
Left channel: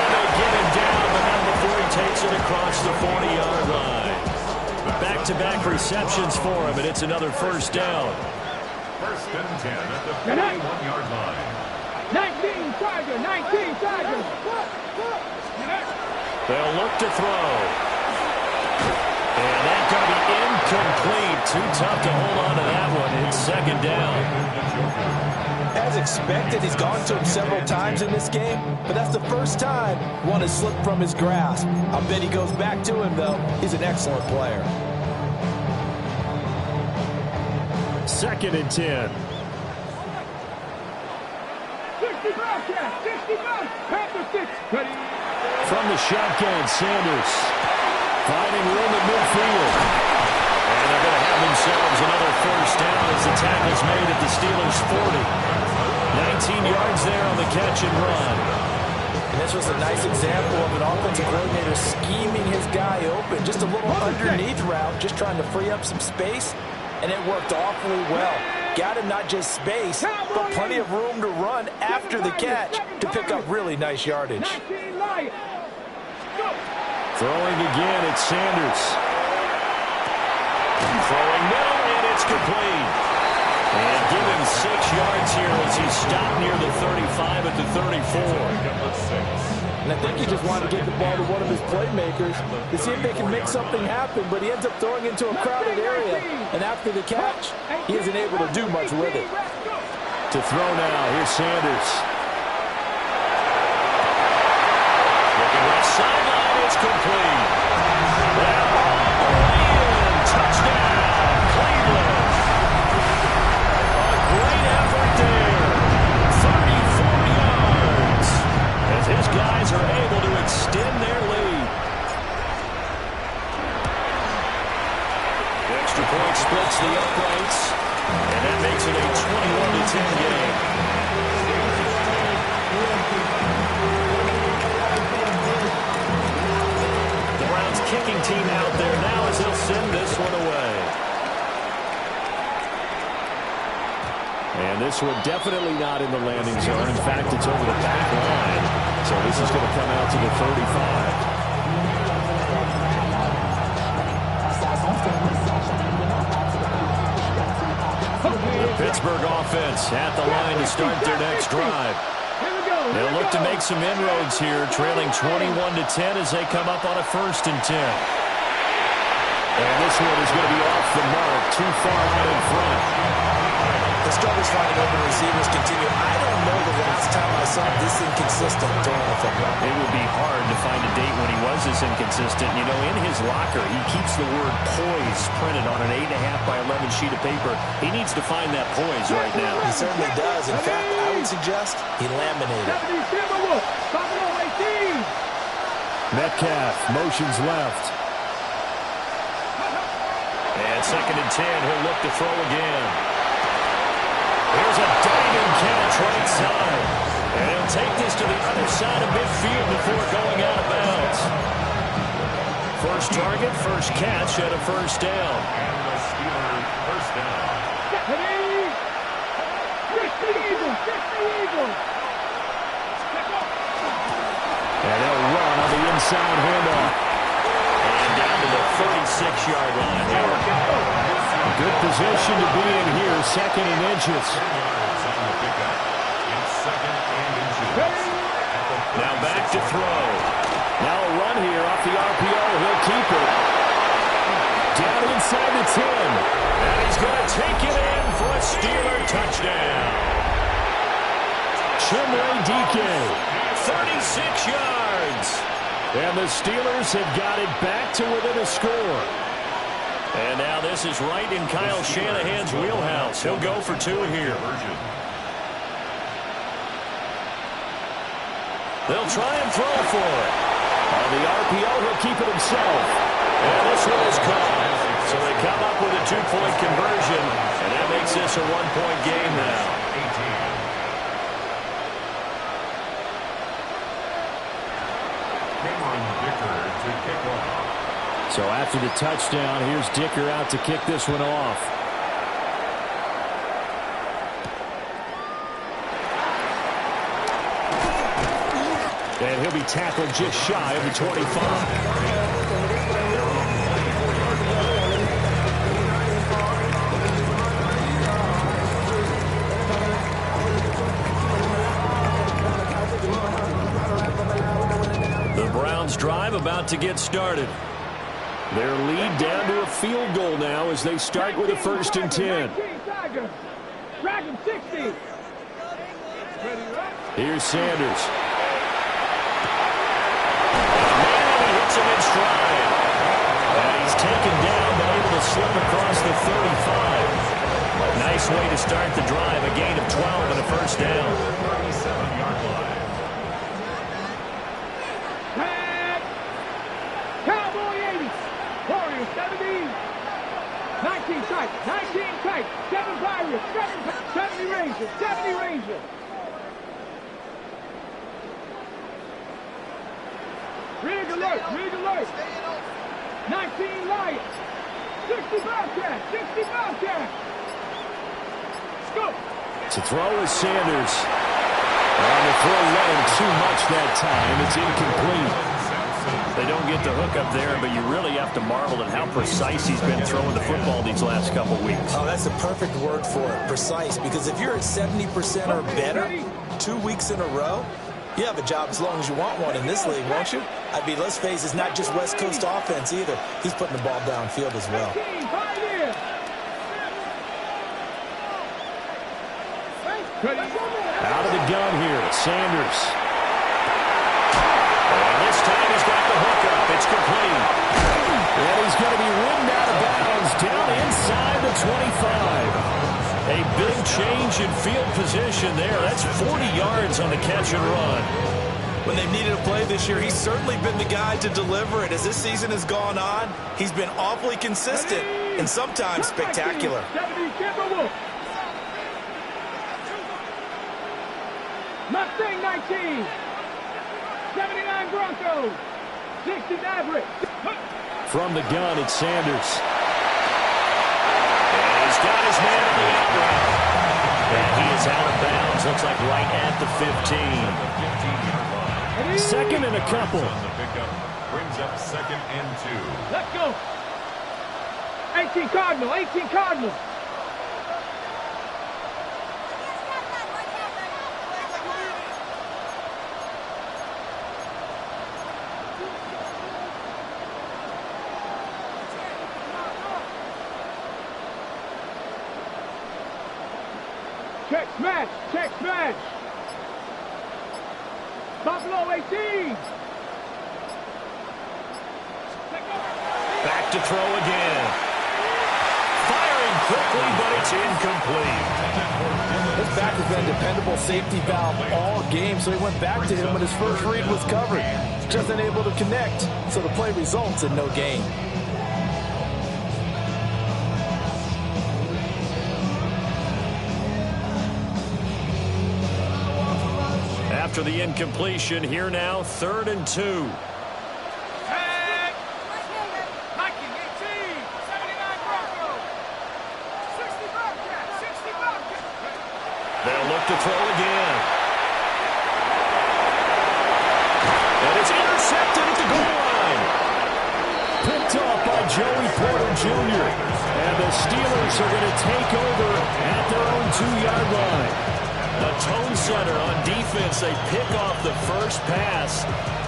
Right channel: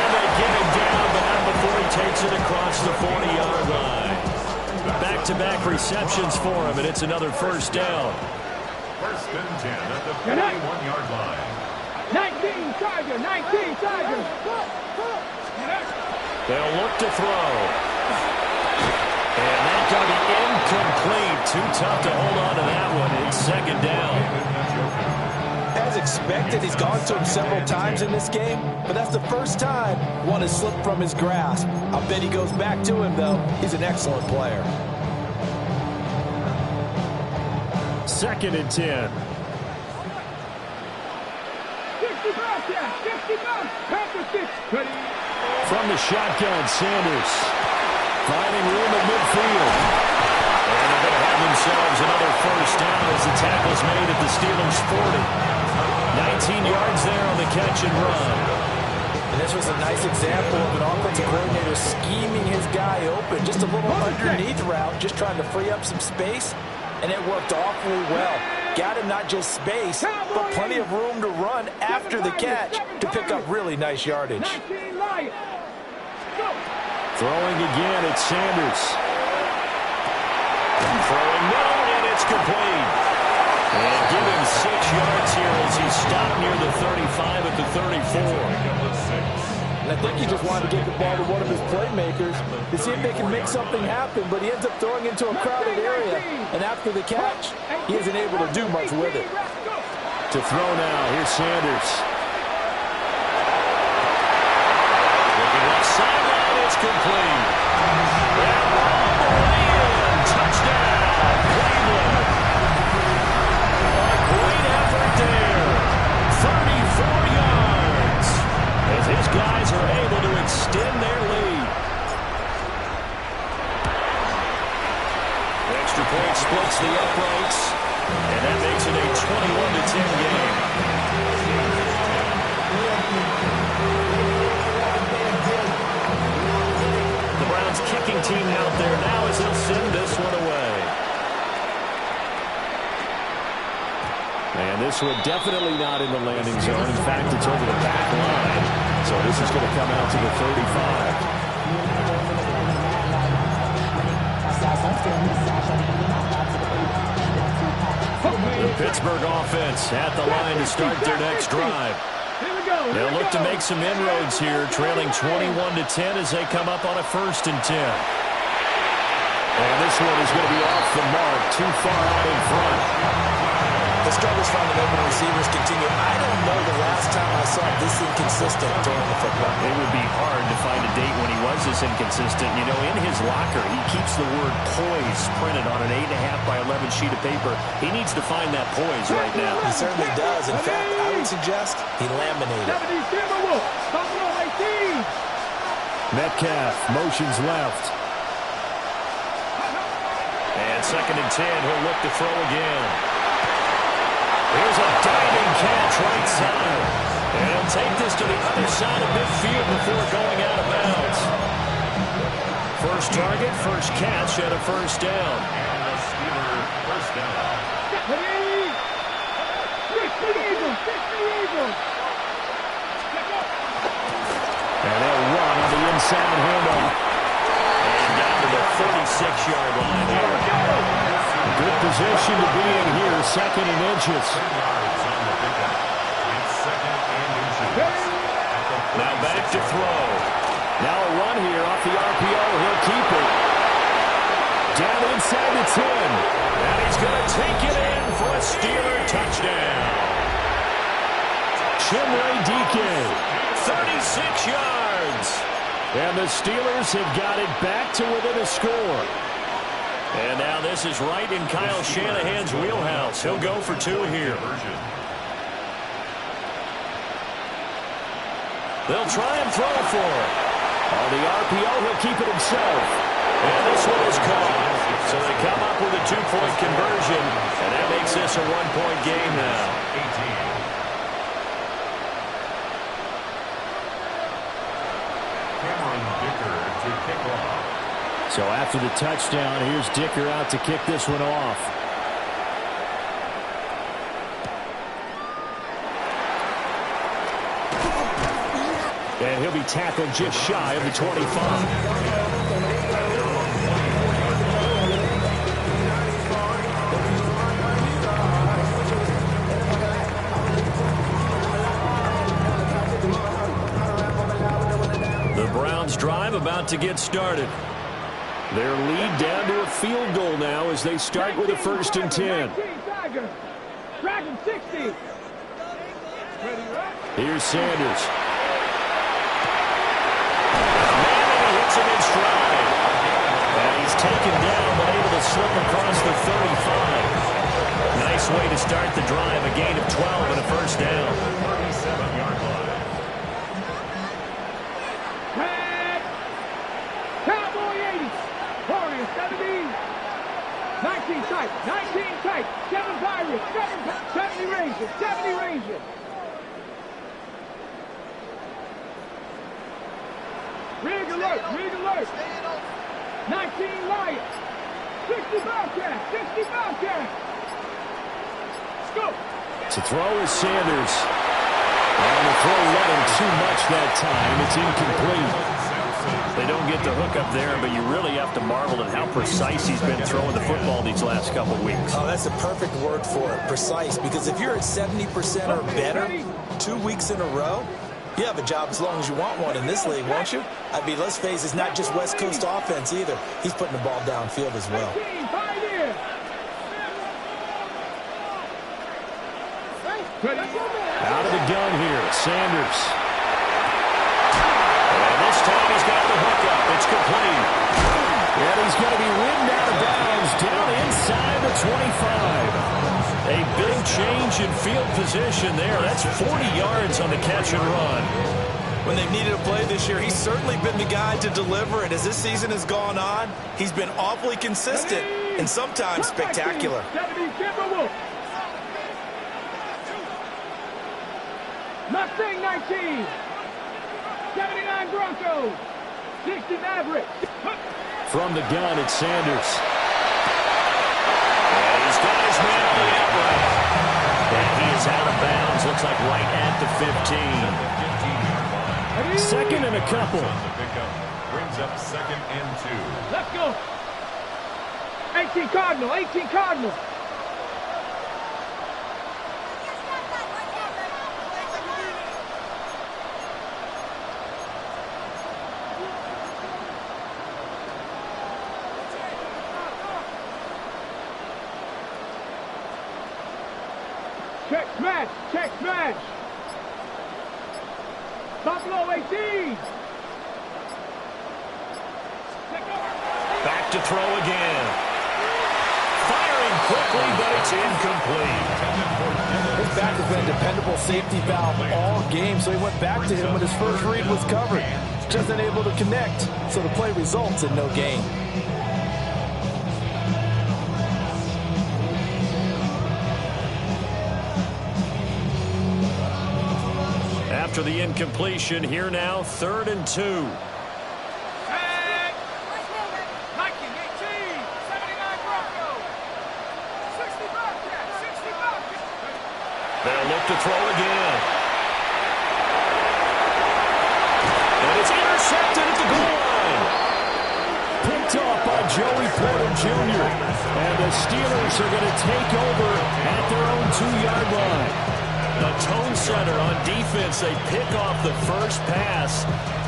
And they get him down, but not before he takes it across the 40-yard line. Back-to-back receptions for him, and it's another 1st down. 1st and 10 at the 41-yard line. 19 Tiger, 19 Tiger. They'll look to throw. And that's going to be incomplete. Too tough to hold on to that one. It's 2nd down. As expected, he's gone to him several times in this game, but that's the first time one has slipped from his grasp. I'll bet he goes back to him, though. He's an excellent player. 2nd and 10. 60 Bobcats, 60 Bobcats, Panther 6, ready. From the shotgun, Sanders finding room at midfield. And they're going to have themselves another 1st down as the tackle's made at the Steelers' 40. 19 yards there on the catch and run. And this was a nice example of an offensive coordinator scheming his guy open. Just a little underneath route, just trying to free up some space, and it worked awfully well. Got him not just space, but plenty of room to run after the catch to pick up really nice yardage. Throwing again, it's Sanders. Throwing middle, and it's complete. And give him 6 yards here as he's stopped near the 35 at the 34. And I think he just wanted to get the ball to one of his playmakers to see if they can make something happen, but he ends up throwing into a crowded area. And after the catch, he isn't able to do much with it. To throw now, here's Sanders. Looking left sideline, it's complete. And all the way in, touchdown, Cleveland. A great effort there, 34 yards, as his guys are able to extend their lead. The extra point splits the uprights, and that makes it a 21-10 game. The Browns kicking team out there now as they'll send this one away. And this one definitely not in the landing zone. In fact, it's over the back line. So this is going to come out to the 35. The Pittsburgh offense at the line to start their next drive. They'll look to make some inroads here, trailing 21-10 as they come up on a 1st and 10. And this one is going to be off the mark, too far out in front. The struggles finding open receivers continue. I don't know the last time I saw him this inconsistent throwing the football. It would be hard to find a date when he was this inconsistent. You know, in his locker, he keeps the word poise printed on an 8.5 by 11 sheet of paper. He needs to find that poise right now. He certainly does. In fact, I would suggest he laminated it. Metcalf motions left. And 2nd and 10, he'll look to throw again. Here's a diving catch right side. And he'll take this to the other side of midfield before going out of bounds. First target, first catch, and a first down. And the Steelers first down. And they'll run on the inside handoff. And down to the 36-yard line here. Good position to be in here, 2nd and inches. 10 yards on the pickup. It's 2nd and inches. Now back to throw. Now a run here off the RPO. He'll keep it. Down inside the 10. And he's going to take it in for a Steeler touchdown. Chimray DK. 36 yards. And the Steelers have got it back to within a score. And now this is right in Kyle Shanahan's wheelhouse. He'll go for 2 here. They'll try and throw for it. On the RPO, he'll keep it himself. And this one is caught. So they come up with a 2-point conversion. And that makes this a 1-point game now. 18. Cameron Dicker to kick off. So after the touchdown, here's Dicker out to kick this one off. And he'll be tackled just shy of the 25. The Browns drive about to get started. Their lead down to a field goal now as they start with a 1st and 10. Dragon 60. Here's Sanders. Hits him in stride. And he's taken down, but able to slip across the 35. Nice way to start the drive. A gain of 12 and a first down. 37-yard line. Tag. Cowboy 80. Warriors 70. 19 tight. 19 tight. 7 Pirates. 70 Rangers. 70 Rangers. Rig alert, rig alert. 19 Lions. 60 Bobcats, 60 Bobcats. Scoop. To throw is Sanders. On the throw led him too much that time. It's incomplete. They don't get the hook up there, but you really have to marvel at how precise he's been throwing the football these last couple weeks. Oh, that's a perfect word for it, precise, because if you're at 70% or better 2 weeks in a row, you have a job as long as you want one in this league, won't you? I mean, let's face it, it's not just West Coast offense either. He's putting the ball downfield as well. Out of the gun here, Sanders. And this time he's got the hook up. It's complete. And he's going to be ridden out of bounds down inside the 25. A big change in field position there. That's 40 yards on the catch and run. When they've needed a play this year, he's certainly been the guy to deliver it. As this season has gone on, he's been awfully consistent and sometimes spectacular. 70 Timberwolves. Mustang 19. 79 Broncos. 60 Mavericks. From the gun, it's Sanders. And he's got his man on the out route. And he is out of bounds. Looks like right at the 15. 15-yard line. 2nd and a couple. On the pickup brings up 2nd and 2. Let's go. 18 Cardinal. 18 Cardinal. Check smash. Check smash. Buffalo 18. Back to throw again. Firing quickly, but it's incomplete. His back has been a dependable safety valve all game, so he went back to him when his first read was covered. just unable to connect, so the play results in no gain. After the incompletion, here now, 3rd and 2. Tag. Nike 18, 79 Broncos. 60 Bobcats, 60 Bobcats. They'll look to throw again. And it's intercepted at the goal line. Picked off by Joey Porter Jr. And the Steelers are going to take over at their own 2-yard line. The tone setter on defense, they pick off the first pass.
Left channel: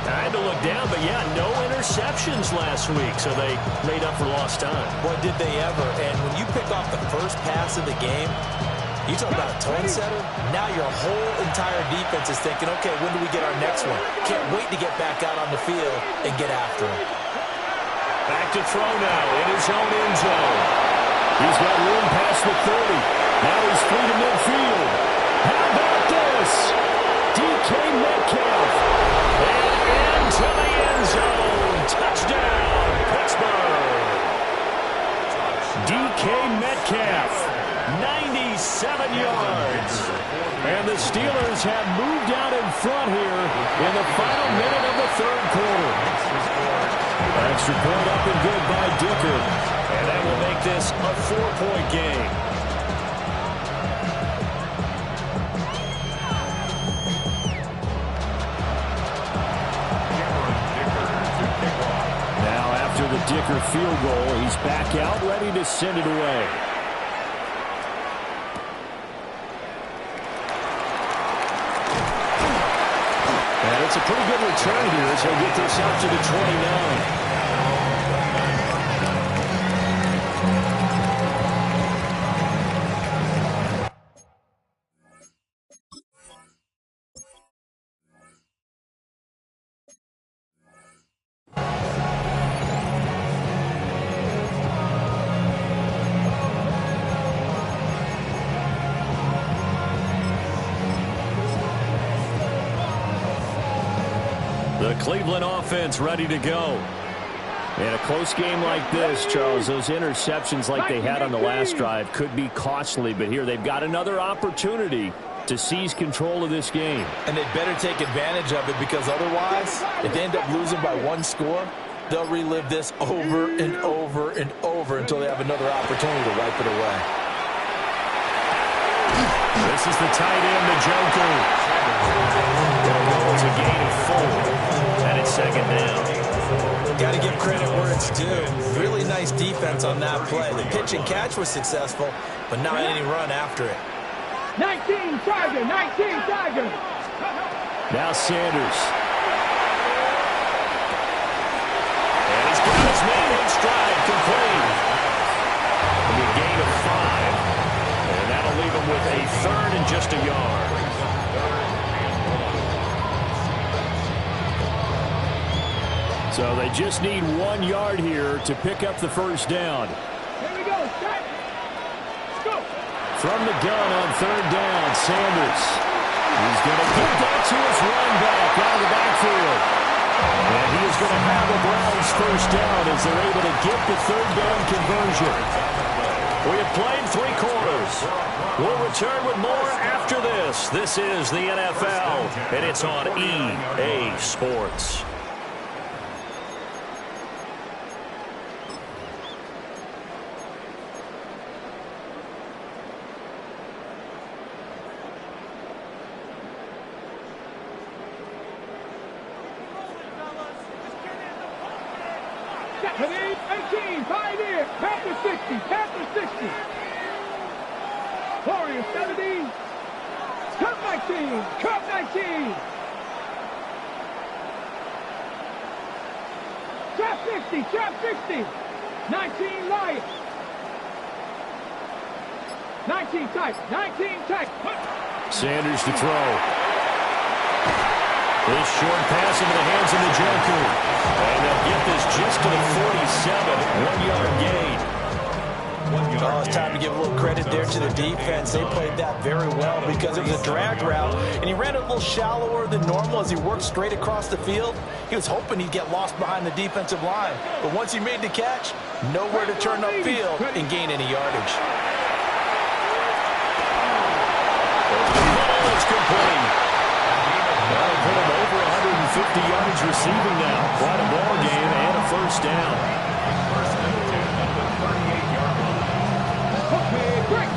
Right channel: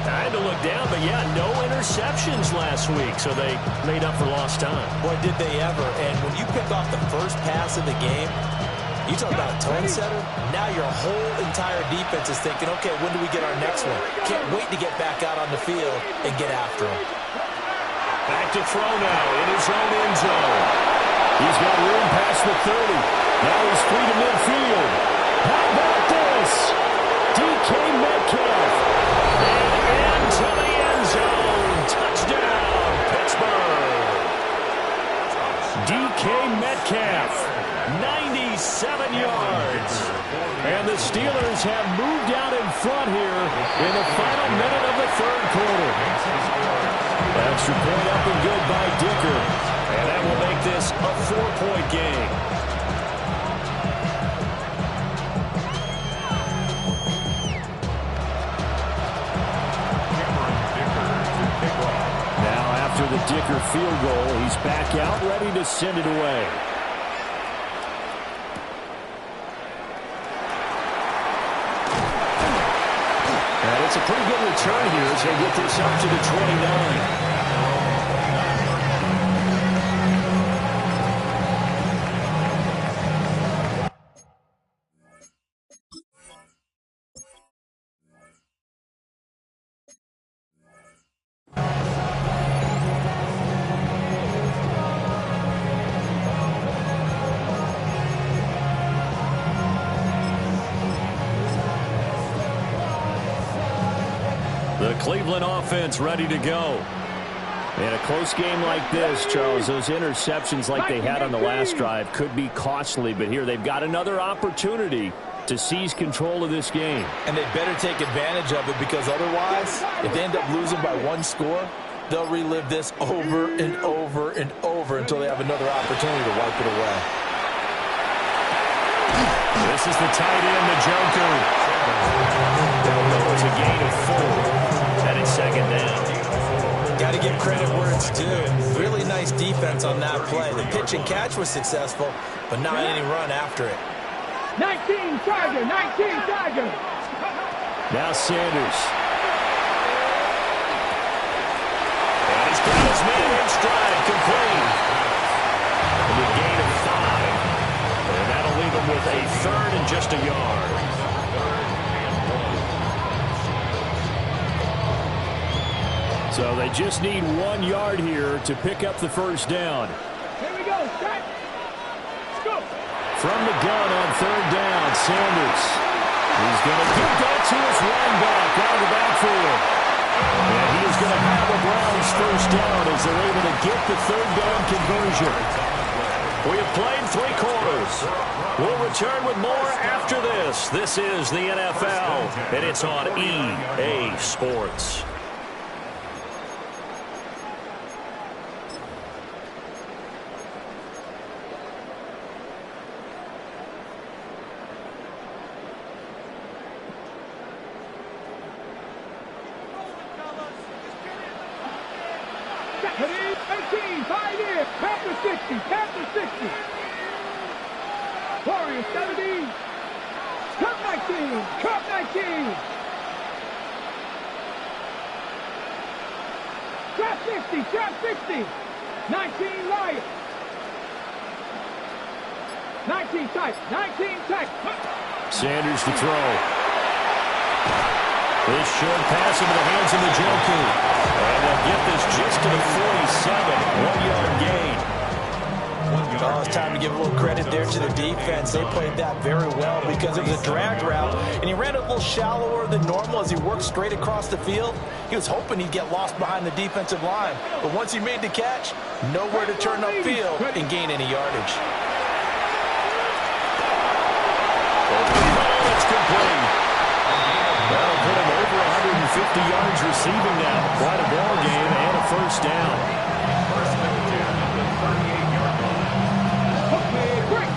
I had to look down, but yeah, no interceptions last week, so they made up for lost time. Boy, did they ever. And when you pick off the first pass of the game, you talk about a tone setter, now your whole entire defense is thinking, okay, when do we get our next one? Can't wait to get back out on the field and get after him. Back to throw now in his own end zone. He's got room past the 30. Now he's free to midfield. How about this? DK Metcalf. And into the end zone. Touchdown, Pittsburgh. DK Metcalf, 97 yards. And the Steelers have moved out in front here in the final minute of the 3rd quarter. Extra point up and good by Dicker. And that will make this a 4-point game. Now after the Dicker field goal, he's back out ready to send it away. And it's a pretty good return here as he'll get this up to the 29. The Cleveland offense ready to go. In a close game like this, Charles, those interceptions like they had on the last drive could be costly, but here they've got another opportunity to seize control of this game. And they'd better take advantage of it, because otherwise, if they end up losing by 1 score, they'll relive this over and over and over until they have another opportunity to wipe it away. This is the tight end, Njoku. They'll go as a gain of 4. And it's 2nd down. Got to give credit where it's due. Really nice defense on that play. The pitch and catch was successful, but not any run after it. 19 Tiger, 19 Tiger. Now Sanders. And he's got his man in stride, complete. And a gain of 5. And that'll leave him with a 3rd and just a yard. So they just need 1 yard here to pick up the first down. Here we go, set. Let's go. From the gun on 3rd down, Sanders. He's going to get that to his running back out of the backfield. And he is going to have a Browns first down as they're able to get the 3rd down conversion. We have played 3 quarters. We'll return with more after this. This is the NFL, and it's on EA Sports. Heading 18, Pioneer, Panther 60, Panther 60. Warrior 70, Cup 19, Cup 19. Trap 60, Trap 60. 19 Lions. 19 tight, 19 tight. Sanders to throw. This short pass into the hands of Njoku. And they'll get this just to the 47. 1 yard gain. Oh, it's time to give a little credit there to the defense. They played that very well because it was a drag route, and he ran it a little shallower than normal as he worked straight across the field. He was hoping he'd get lost behind the defensive line, but once he made the catch, nowhere to turn upfield and gain any yardage. Over the middle, it's complete. That'll put him over 150 yards receiving now. Quite a ball game and a first down. First and 10 at the 38-yard line. Okay, break.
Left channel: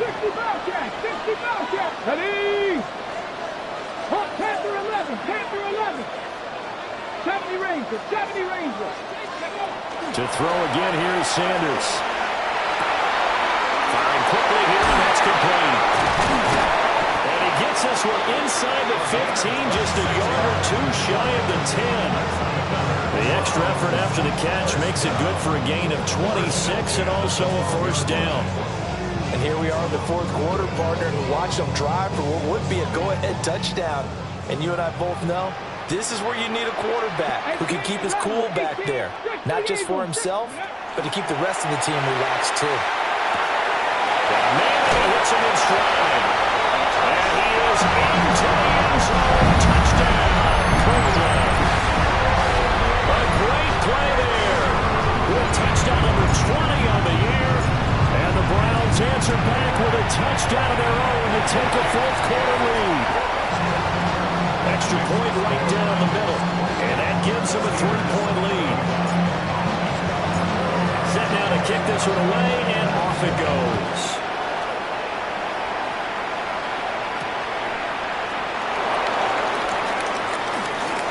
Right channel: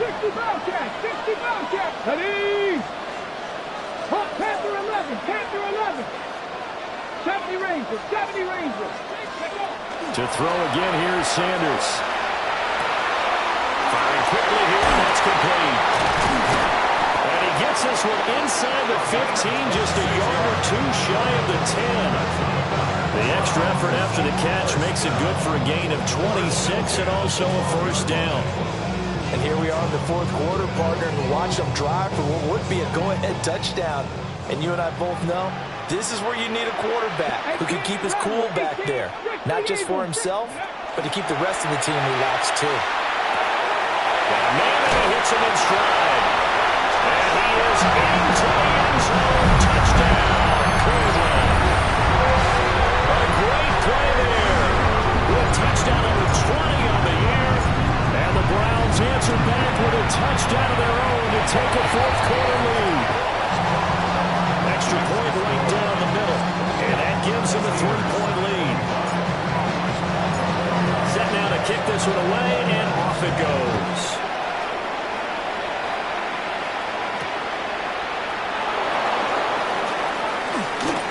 60 Bobcat, 60 Bobcat. Ready. Hot Panther 11, Panther 11. 70 Ranger, 70 Ranger. To throw again, here's Sanders. Firing quickly here, and that's complete. And he gets this one inside the 15, just a yard or two shy of the 10. The extra effort after the catch makes it good for a gain of 26 and also a first down. And here we are in the fourth quarter, partner, and watch them drive for what would be a go-ahead touchdown. And you and I both know this is where you need a quarterback who can keep his cool back there, not just for himself, but to keep the rest of the team relaxed too. Got a man and he hits him in stride. And he is into the end zone. Touchdown, Cleveland. A great play there. With touchdown number 20 on the year. And the Browns answer back with a touchdown of their own to take a fourth quarter lead. Extra point right down the middle. And that gives them a 3-point lead. Set now to kick this one away, and off it goes.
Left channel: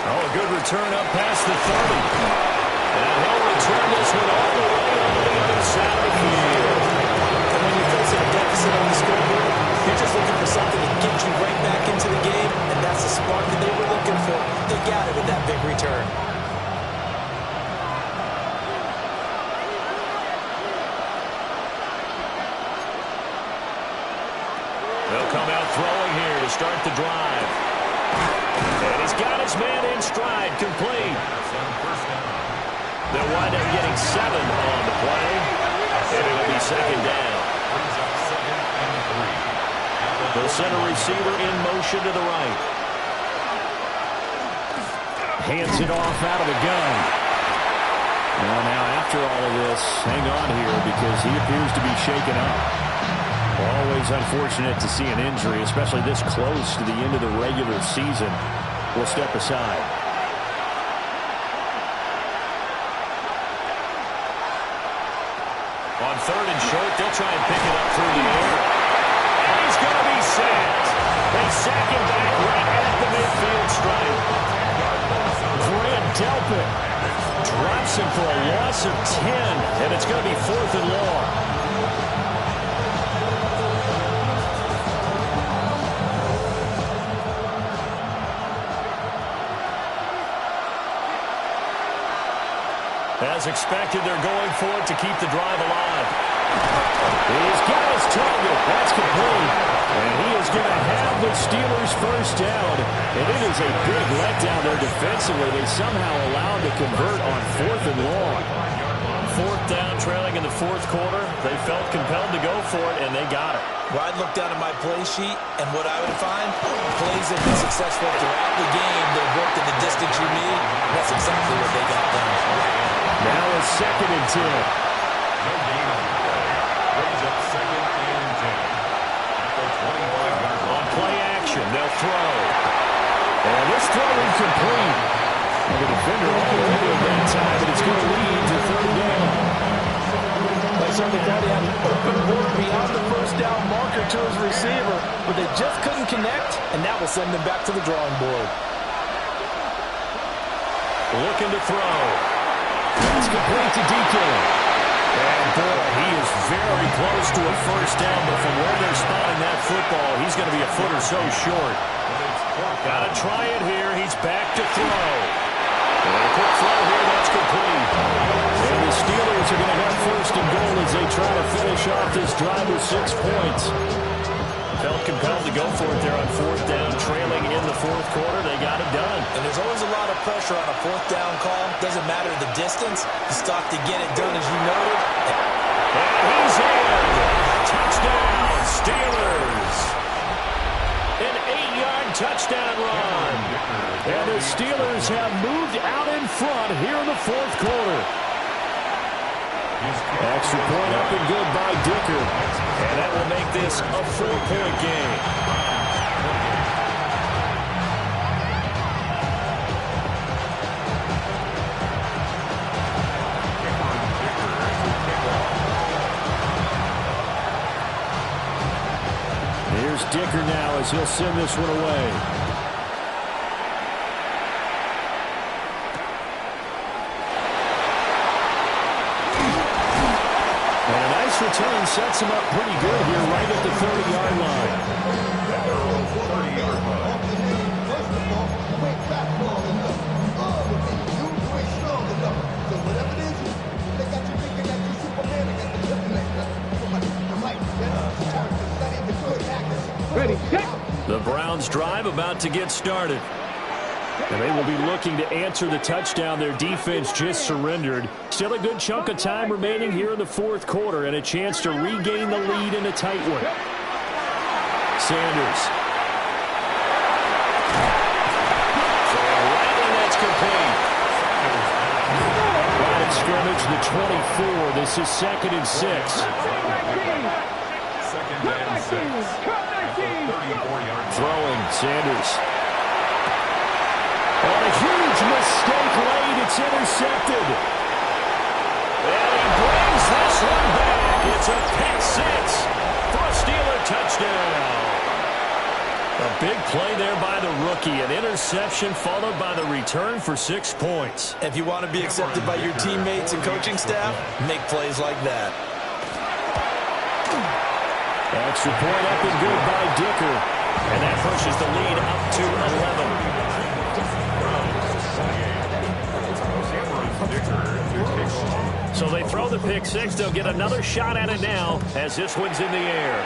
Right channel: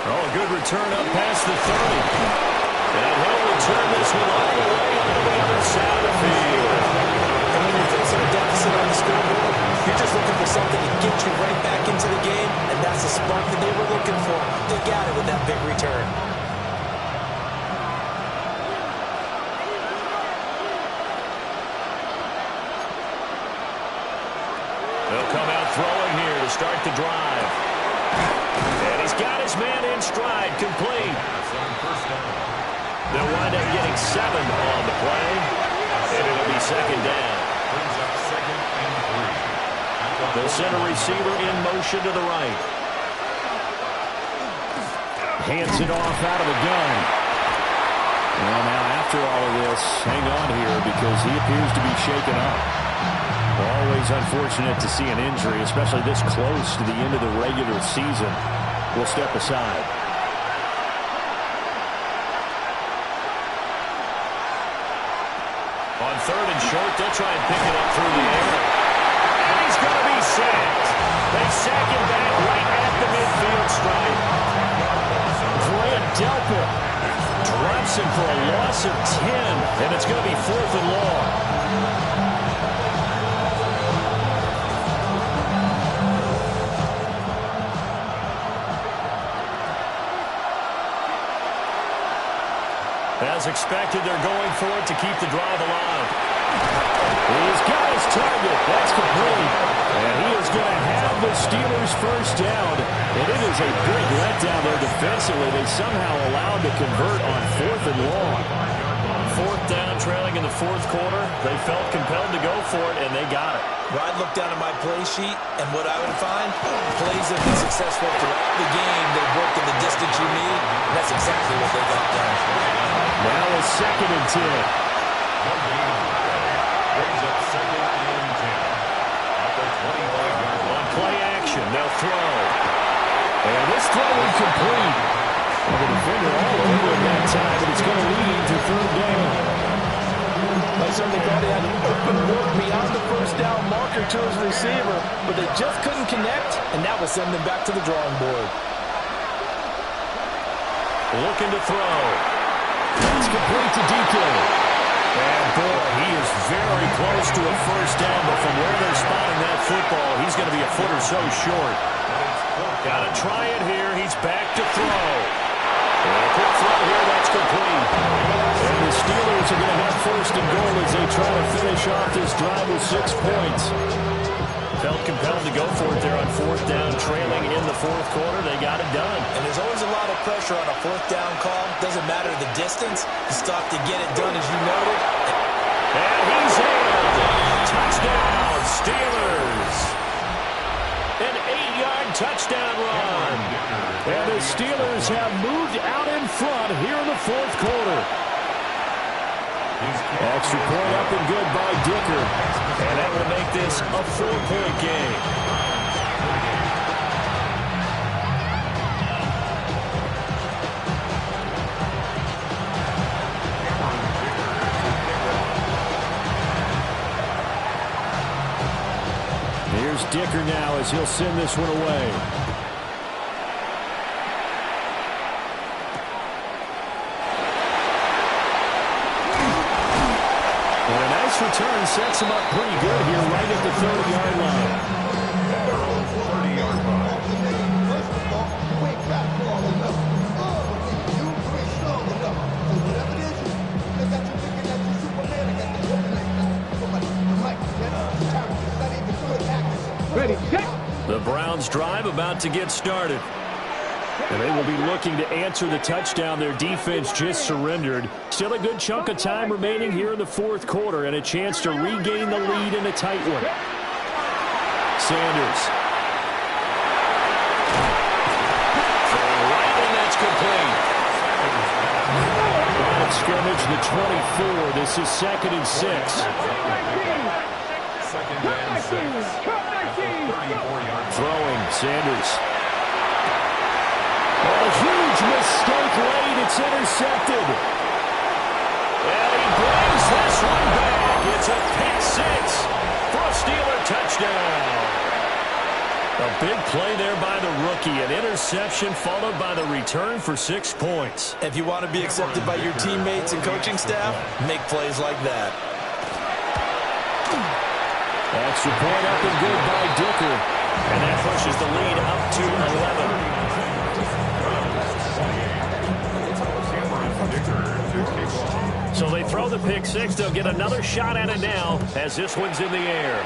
Oh, a good return up past the 30. And he'll return this one all the way onto the other side of the field. And when you're facing a deficit on the scoreboard, you're just looking for something to get you right back into the game, and that's the spark that they were looking for. They got it with that big return. They'll come out throwing here to start the drive. And he's got his man in stride, complete. They'll wind up getting 7 on the play, and it'll be second down. Brings up second and 3. The center receiver in motion to the right. Hands it off out of the gun. Well, now after all of this, hang on here because he appears to be shaken up. Always unfortunate to see an injury, especially this close to the end of the regular season. We'll step aside. On third and short, they'll try and pick it up through the air. And he's going to be sacked. They sack him back right at the midfield stripe. Grant Delpit drops him for a loss of 10, and it's going to be 4th and long. As expected, they're going for it to keep the drive alive. He's got his target. That's complete. And he is going to have the Steelers' first down. And it is a big letdown there defensively. They somehow allowed to convert on 4th and long. 4th down, trailing in the fourth quarter. They felt compelled to go for it, and they got it. Well, I'd look down at my play sheet, and what I would find, plays have been successful throughout the game. They've worked in the distance you need, and that's exactly what they got done. Now a second and 10. No gain on the play. Brings up second and 10. At the 25-yard line. On play action, they'll throw. And this throw incomplete. And the defender all over it that time, but it's going to lead to third down. They certainly thought he had an open look beyond the first down marker to his receiver, but they just couldn't connect, and that will send them back to the drawing board. Looking to throw. That's complete to DK. And boy, he is very close to a first down, but from where they're spotting that football, he's going to be a foot or so short. Got to try it here. He's back to throw. And a quick throw here, that's complete. And the Steelers are going to have first and goal as they try to finish off this drive with 6 points. felt compelled to go for it there on fourth down, trailing in the fourth quarter. They got it done. And there's always a lot of pressure on a fourth down call. Doesn't matter the distance. You stop to get it done, as you noted. And he's in. Touchdown, Steelers. An 8-yard touchdown run. And the Steelers have moved out in front here in the fourth quarter. Extra point up and good by Dicker. And that will make this a 4-point game. Here's Dicker now as he'll send this one away. And a nice return sets him up pretty good here right at the 30-yard line. At their own 30-yard line. First of all, you ain't fastball enough. You ain't strong enough. So whatever it is, they got you thinking that you Superman. I got the kryptonite now. Somebody, the mic, characters, not even good actors. Ready, set. The Browns drive about to get started. And they will be looking to answer the touchdown their defense just surrendered. Still a good chunk of time remaining here in the fourth quarter and a chance to regain the lead in a tight one. Sanders. Throwing right, and that's complete. Line of scrimmage, the 24. This is 2nd and 6. Second and 6. 34-yard Throwing, Sanders. On a huge mistake late, it's intercepted. And he brings this one back. It's a pick six for a Steeler touchdown. A big play there by the rookie. An interception followed by the return for 6 points. If you want to be accepted by your teammates and coaching staff, make plays like that. Extra point up and good by Dicker. And that pushes the lead up to 11. So they throw the pick six. They'll get another shot at it now as this one's in the air.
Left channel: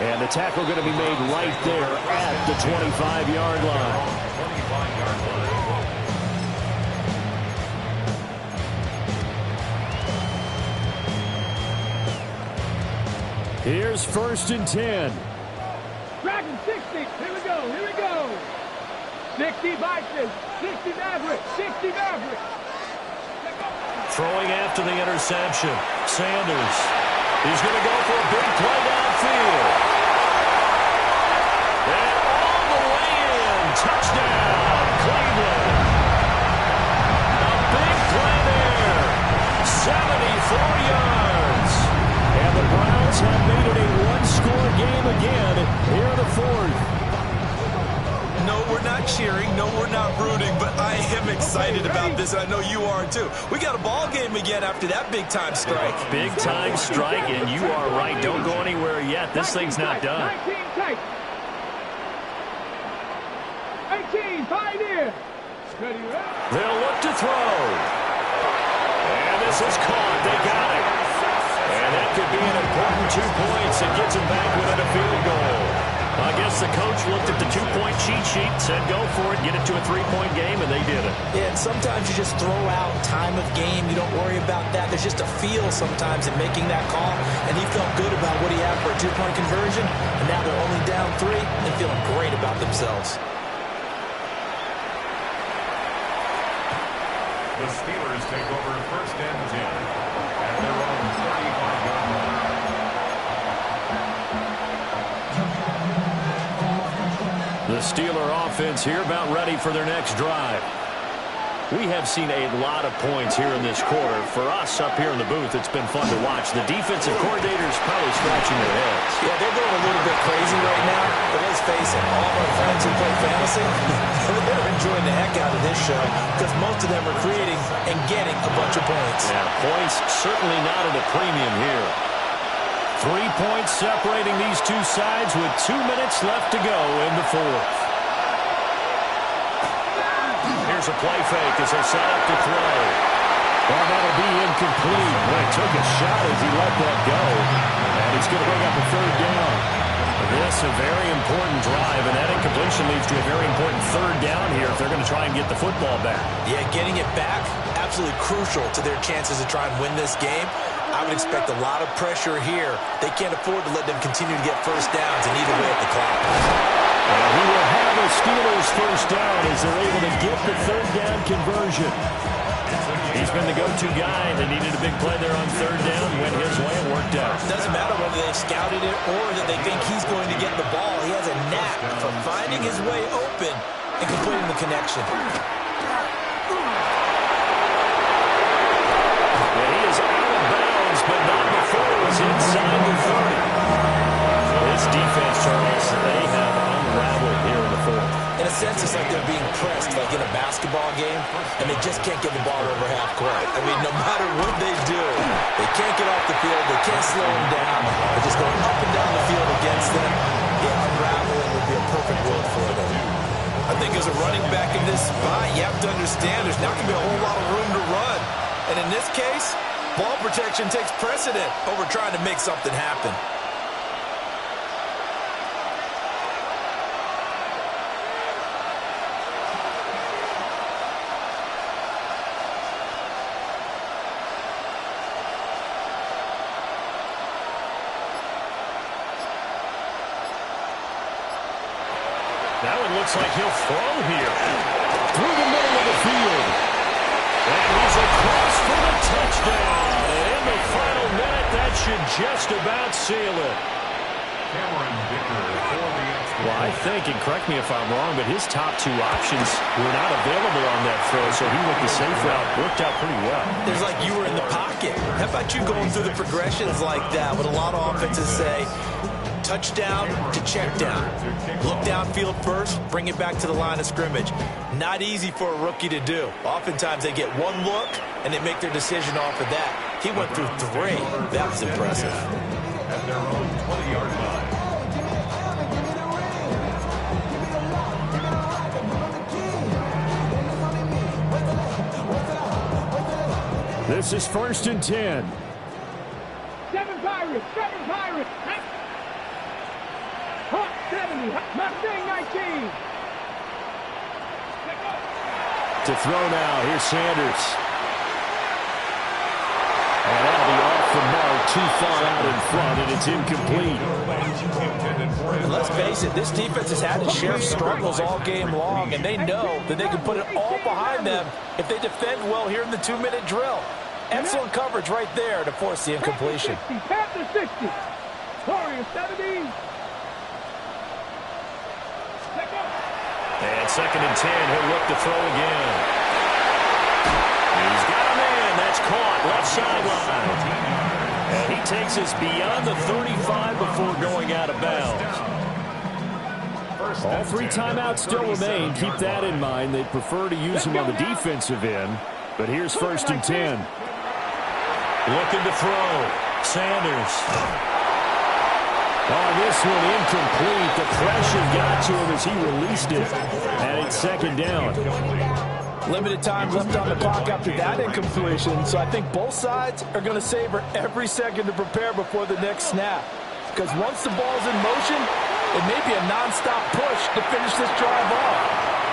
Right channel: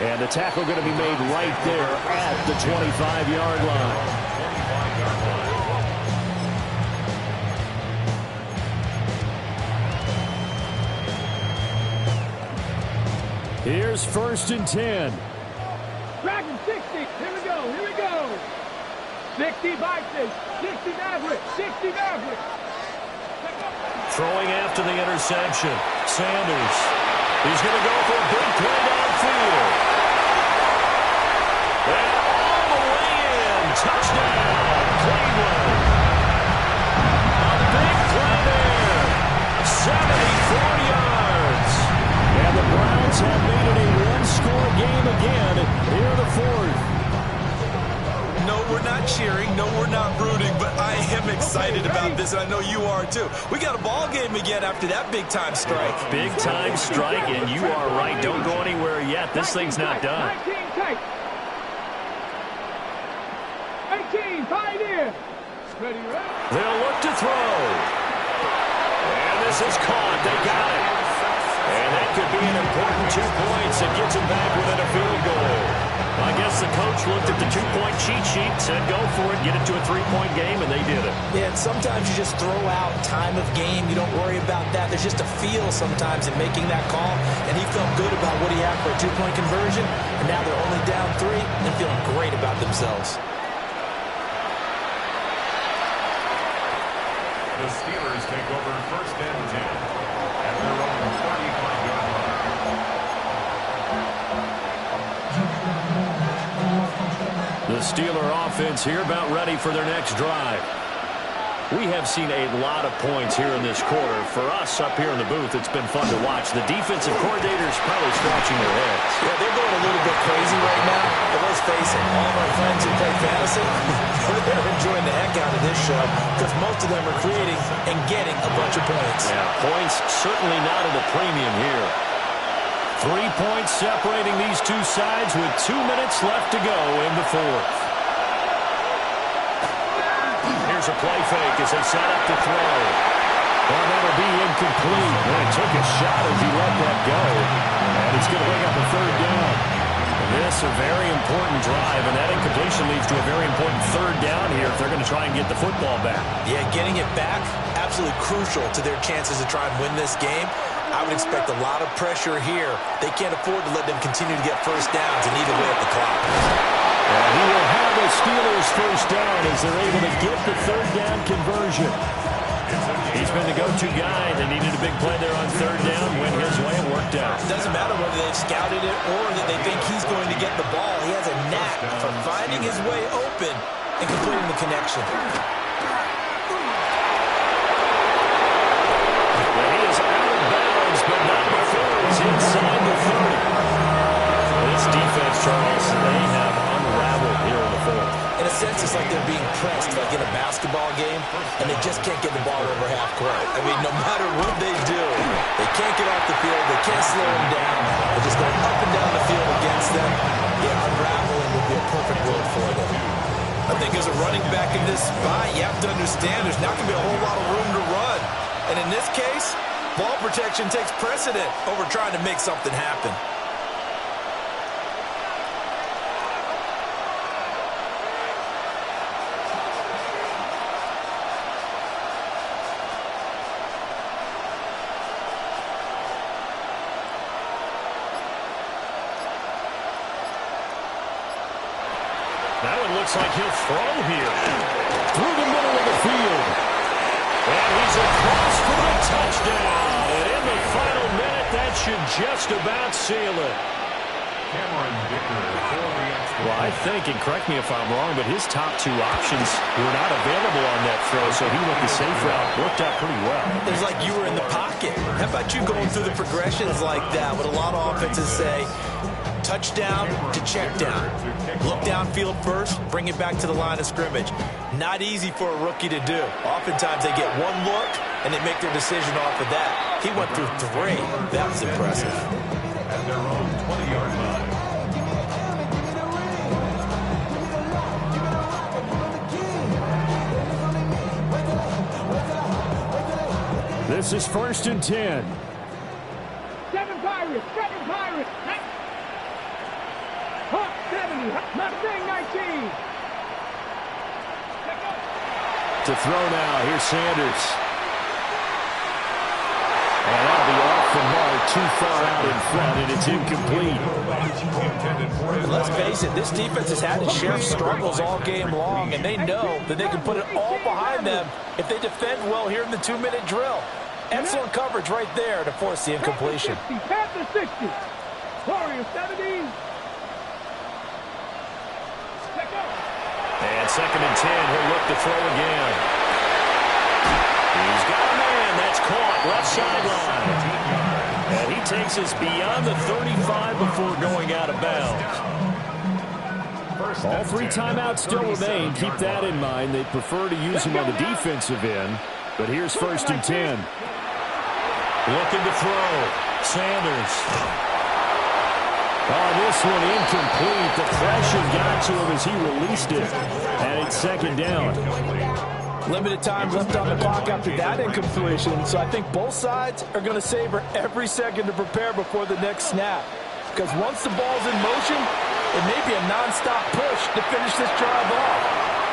And the tackle going to be made right there at the 25-yard line. 25-yard line. Here's 1st and 10. Dragon 60. Here we go. Here we go. 60 Vikings. 60 Mavericks. 60 Mavericks. Throwing after the interception. Sanders. He's going to go for a big play downfield. And all the way in. Touchdown, Cleveland. A big play there. 74 yards. And the Browns have made it a one-score game again here in the fourth. No, we're not cheering. No, we're not rooting. But I am excited about this, and I know you are too. We got a ball game again after that big-time strike. Big-time strike, and you are right. Don't go anywhere yet. This thing's not done. 19 tight. 18 Pioneer. Ready, ready. They'll look to throw. And this is caught. They got it. And that could be an important 2 points. It gets them back within a field goal. I guess the coach looked at the 2-point cheat sheet, said go for it, get it to a 3-point game, and they did it. Yeah, and sometimes you just throw out time of game. You don't worry about that. There's just a feel sometimes in making that call, and he felt good about what he had for a 2-point conversion, and now they're only down 3 and feeling great about themselves. The Steelers take over 1st and 10 at their own 35-yard line. The Steeler offense here about ready for their next drive. We have seen a lot of points here in this quarter. For us up here in the booth, it's been fun to watch. The defensive coordinators probably scratching their heads. Yeah, they're going a little bit crazy right now. But let's face it, all of our friends who play fantasy, they're enjoying the heck out of this show because most of them are creating and getting a bunch of points. Yeah, points certainly not at a premium here. 3 points separating these two sides with 2 minutes left to go in the fourth. Here's a play fake as they set up to throw. Well, that'll be incomplete. Well, he took a shot as he let that go. And it's going to bring up a third down. This a very important drive, and that incompletion leads to a very important third down here if they're going to try and get the football back. Yeah, getting it back, absolutely crucial to their chances to try and win this game. I would expect a lot of pressure here. They can't afford to let them continue to get first downs and eat away at the clock. And he will have a Steelers first down as they're able to get the third down conversion. He's been the go-to guy. They needed a big play there on third down. Went his way. It worked out. Doesn't matter whether they've scouted it or that they think he's going to get the ball. He has a knack for finding his way open and completing the connection. And he is out of bounds, but not before he's inside the 30. This defense, Charles, they have unraveled here in the fourth. In a sense, it's like they're being pressed like in a basketball game, and they just can't get the ball over half court. I mean, no matter what they do, they can't get off the field. They can't slow them down. They're just going up and down the field against them. Yeah, unraveling would be a perfect word for them. I think as a running back in this spot, you have to understand there's not going to be a whole lot of room to run. And in this case, ball protection takes precedent over trying to make something happen. That one looks like he'll throw here. Through the middle of the field. And he's across for the touchdown. And in the final minute, that should just about seal it. Cameron Dicker for the extra. Well, I think, and correct me if I'm wrong, but his top two options were not available on that throw, so he went the safe route. Worked out pretty well. It was like you were in the pocket. How about you going through the progressions like that? What a lot of offenses say, touchdown to check down. Look downfield first, bring it back to the line of scrimmage. Not easy for a rookie to do. Oftentimes they get one look, and they make their decision off of that. He went through three. That was impressive. At their own 20-yard line. This is 1st and 10. Seven Pirates. Hawk 70. Mustang 19. To throw now. Here's Sanders. And that'll be off the mark, too far out in front, and it's incomplete. Let's face it, this defense has had its share of struggles all game long, and they know that they can put it all behind them if they defend well here in the 2-minute drill. Excellent coverage right there to force the incompletion. Panther 60. Warrior 70. And 2nd and 10, he'll look to throw again. He's got a man. That's caught. Left sideline. And he takes us beyond the 35 before going out of bounds. All 3 timeouts still remain. Keep that in mind. They prefer to use them on the defensive end. But here's 1st and 10. Looking to throw. Sanders. On this one, incomplete. The pressure got to him as he released it. And it's 2nd down. Limited time left on the clock after that incompletion, so I think both sides are going to savor every second to prepare before the next snap. Because once the ball's in motion, it may be a nonstop push to finish this drive off.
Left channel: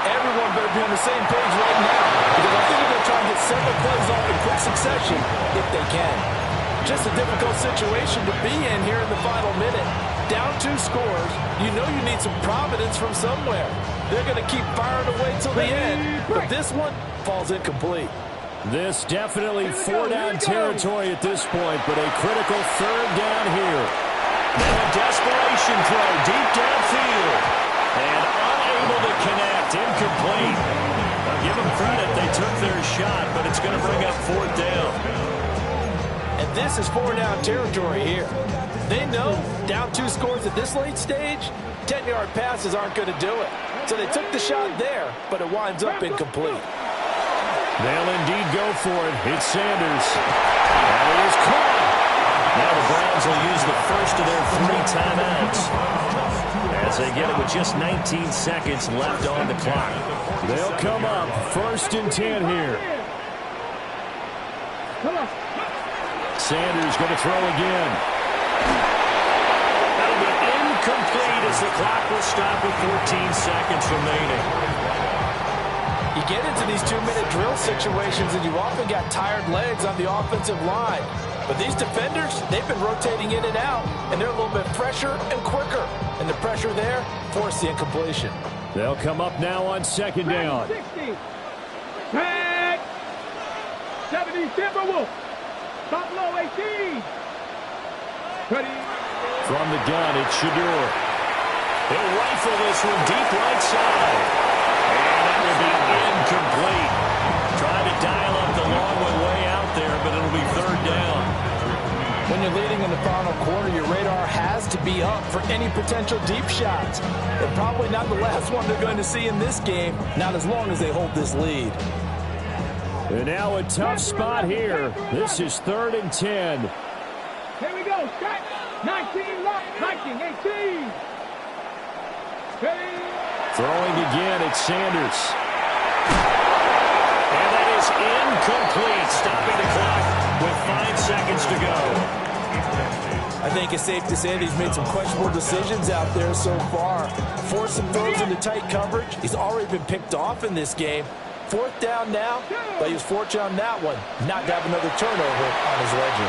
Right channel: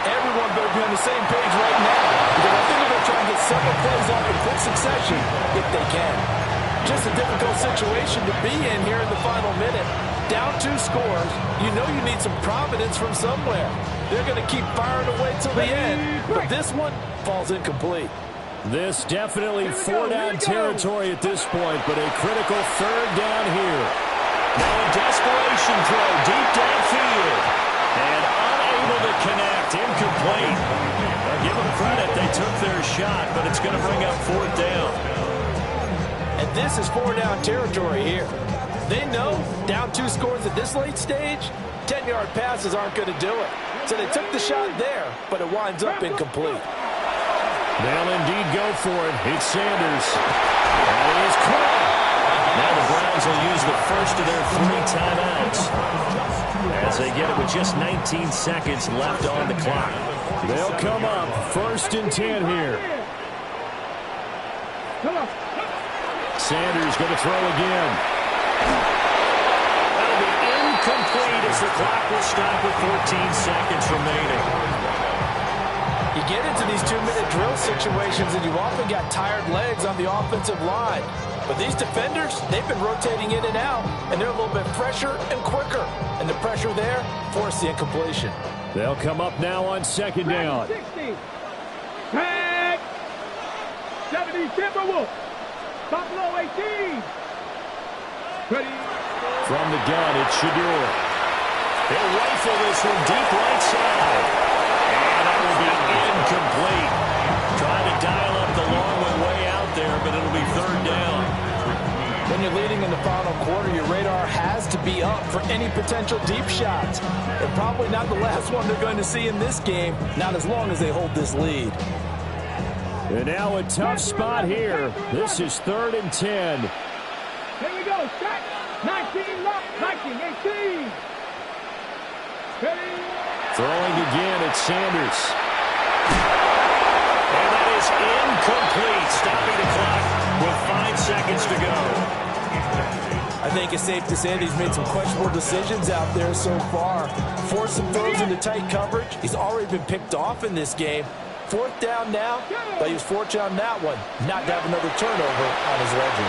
Everyone better be on the same page right now, because I think they're going to try and get several plays off in quick succession if they can. Just a difficult situation to be in here in the final minute. Down 2 scores, you know you need some providence from somewhere. They're going to keep firing away till the end, but this one falls incomplete. This definitely 4-down territory at this point, but a critical 3rd down here. Now a desperation throw deep downfield, and unable to connect, incomplete. Well, give them credit, they took their shot, but it's going to bring up 4th down. And this is 4-down territory here. They know down 2 scores at this late stage, 10-yard passes aren't going to do it. So they took the shot there, but it winds up incomplete. They'll indeed go for it. It's Sanders. And it is caught. Now the Browns will use the first of their 3 timeouts as they get it with just 19 seconds left on the clock. They'll come up 1st and 10 here. Come on. Sanders going to throw again. That'll be incomplete as the clock will stop with 14 seconds remaining. You get into these 2-minute drill situations and you often got tired legs on the offensive line. But these defenders, they've been rotating in and out, and they're a little bit fresher and quicker. And the pressure there forced the incompletion. They'll come up now on second down. 60. Tag. 70 Timberwolves. Buffalo 18. Ready. From the gun, it's Shedeur. He'll rifle this one deep right side. And that will be incomplete. Trying to dial up the long one way out there, but it'll be third down. When you're leading in the final quarter, your radar has to be up for any potential deep shots. And probably not the last one they're going to see in this game, not as long as they hold this lead. And now a tough spot here. This is 3rd and 10. Here we go. Strike. 19 left. 19, 18. Ready. Throwing again, it's Sanders. And that is incomplete, stopping the clock with 5 seconds to go. I think it's safe to say that he's made some questionable decisions out there so far. Forced some throws into tight coverage. He's already been picked off in this game. 4th down now, but he was fortunate on that one not to have another turnover on his ledger.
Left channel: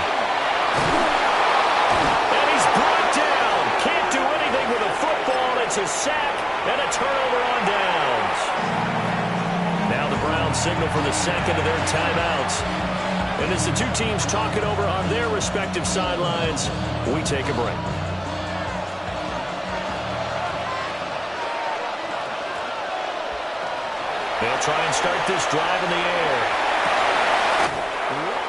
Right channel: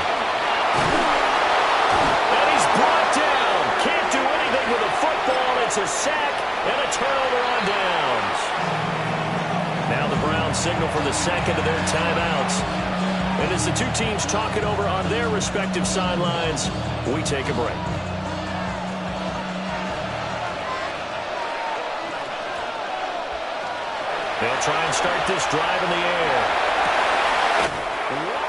And he's brought down. Can't do anything with a football. It's a sack and a turnover on downs. Now the Browns signal for the second of their timeouts. And as the two teams talk it over on their respective sidelines, we take a break. They'll try and start this drive in the air.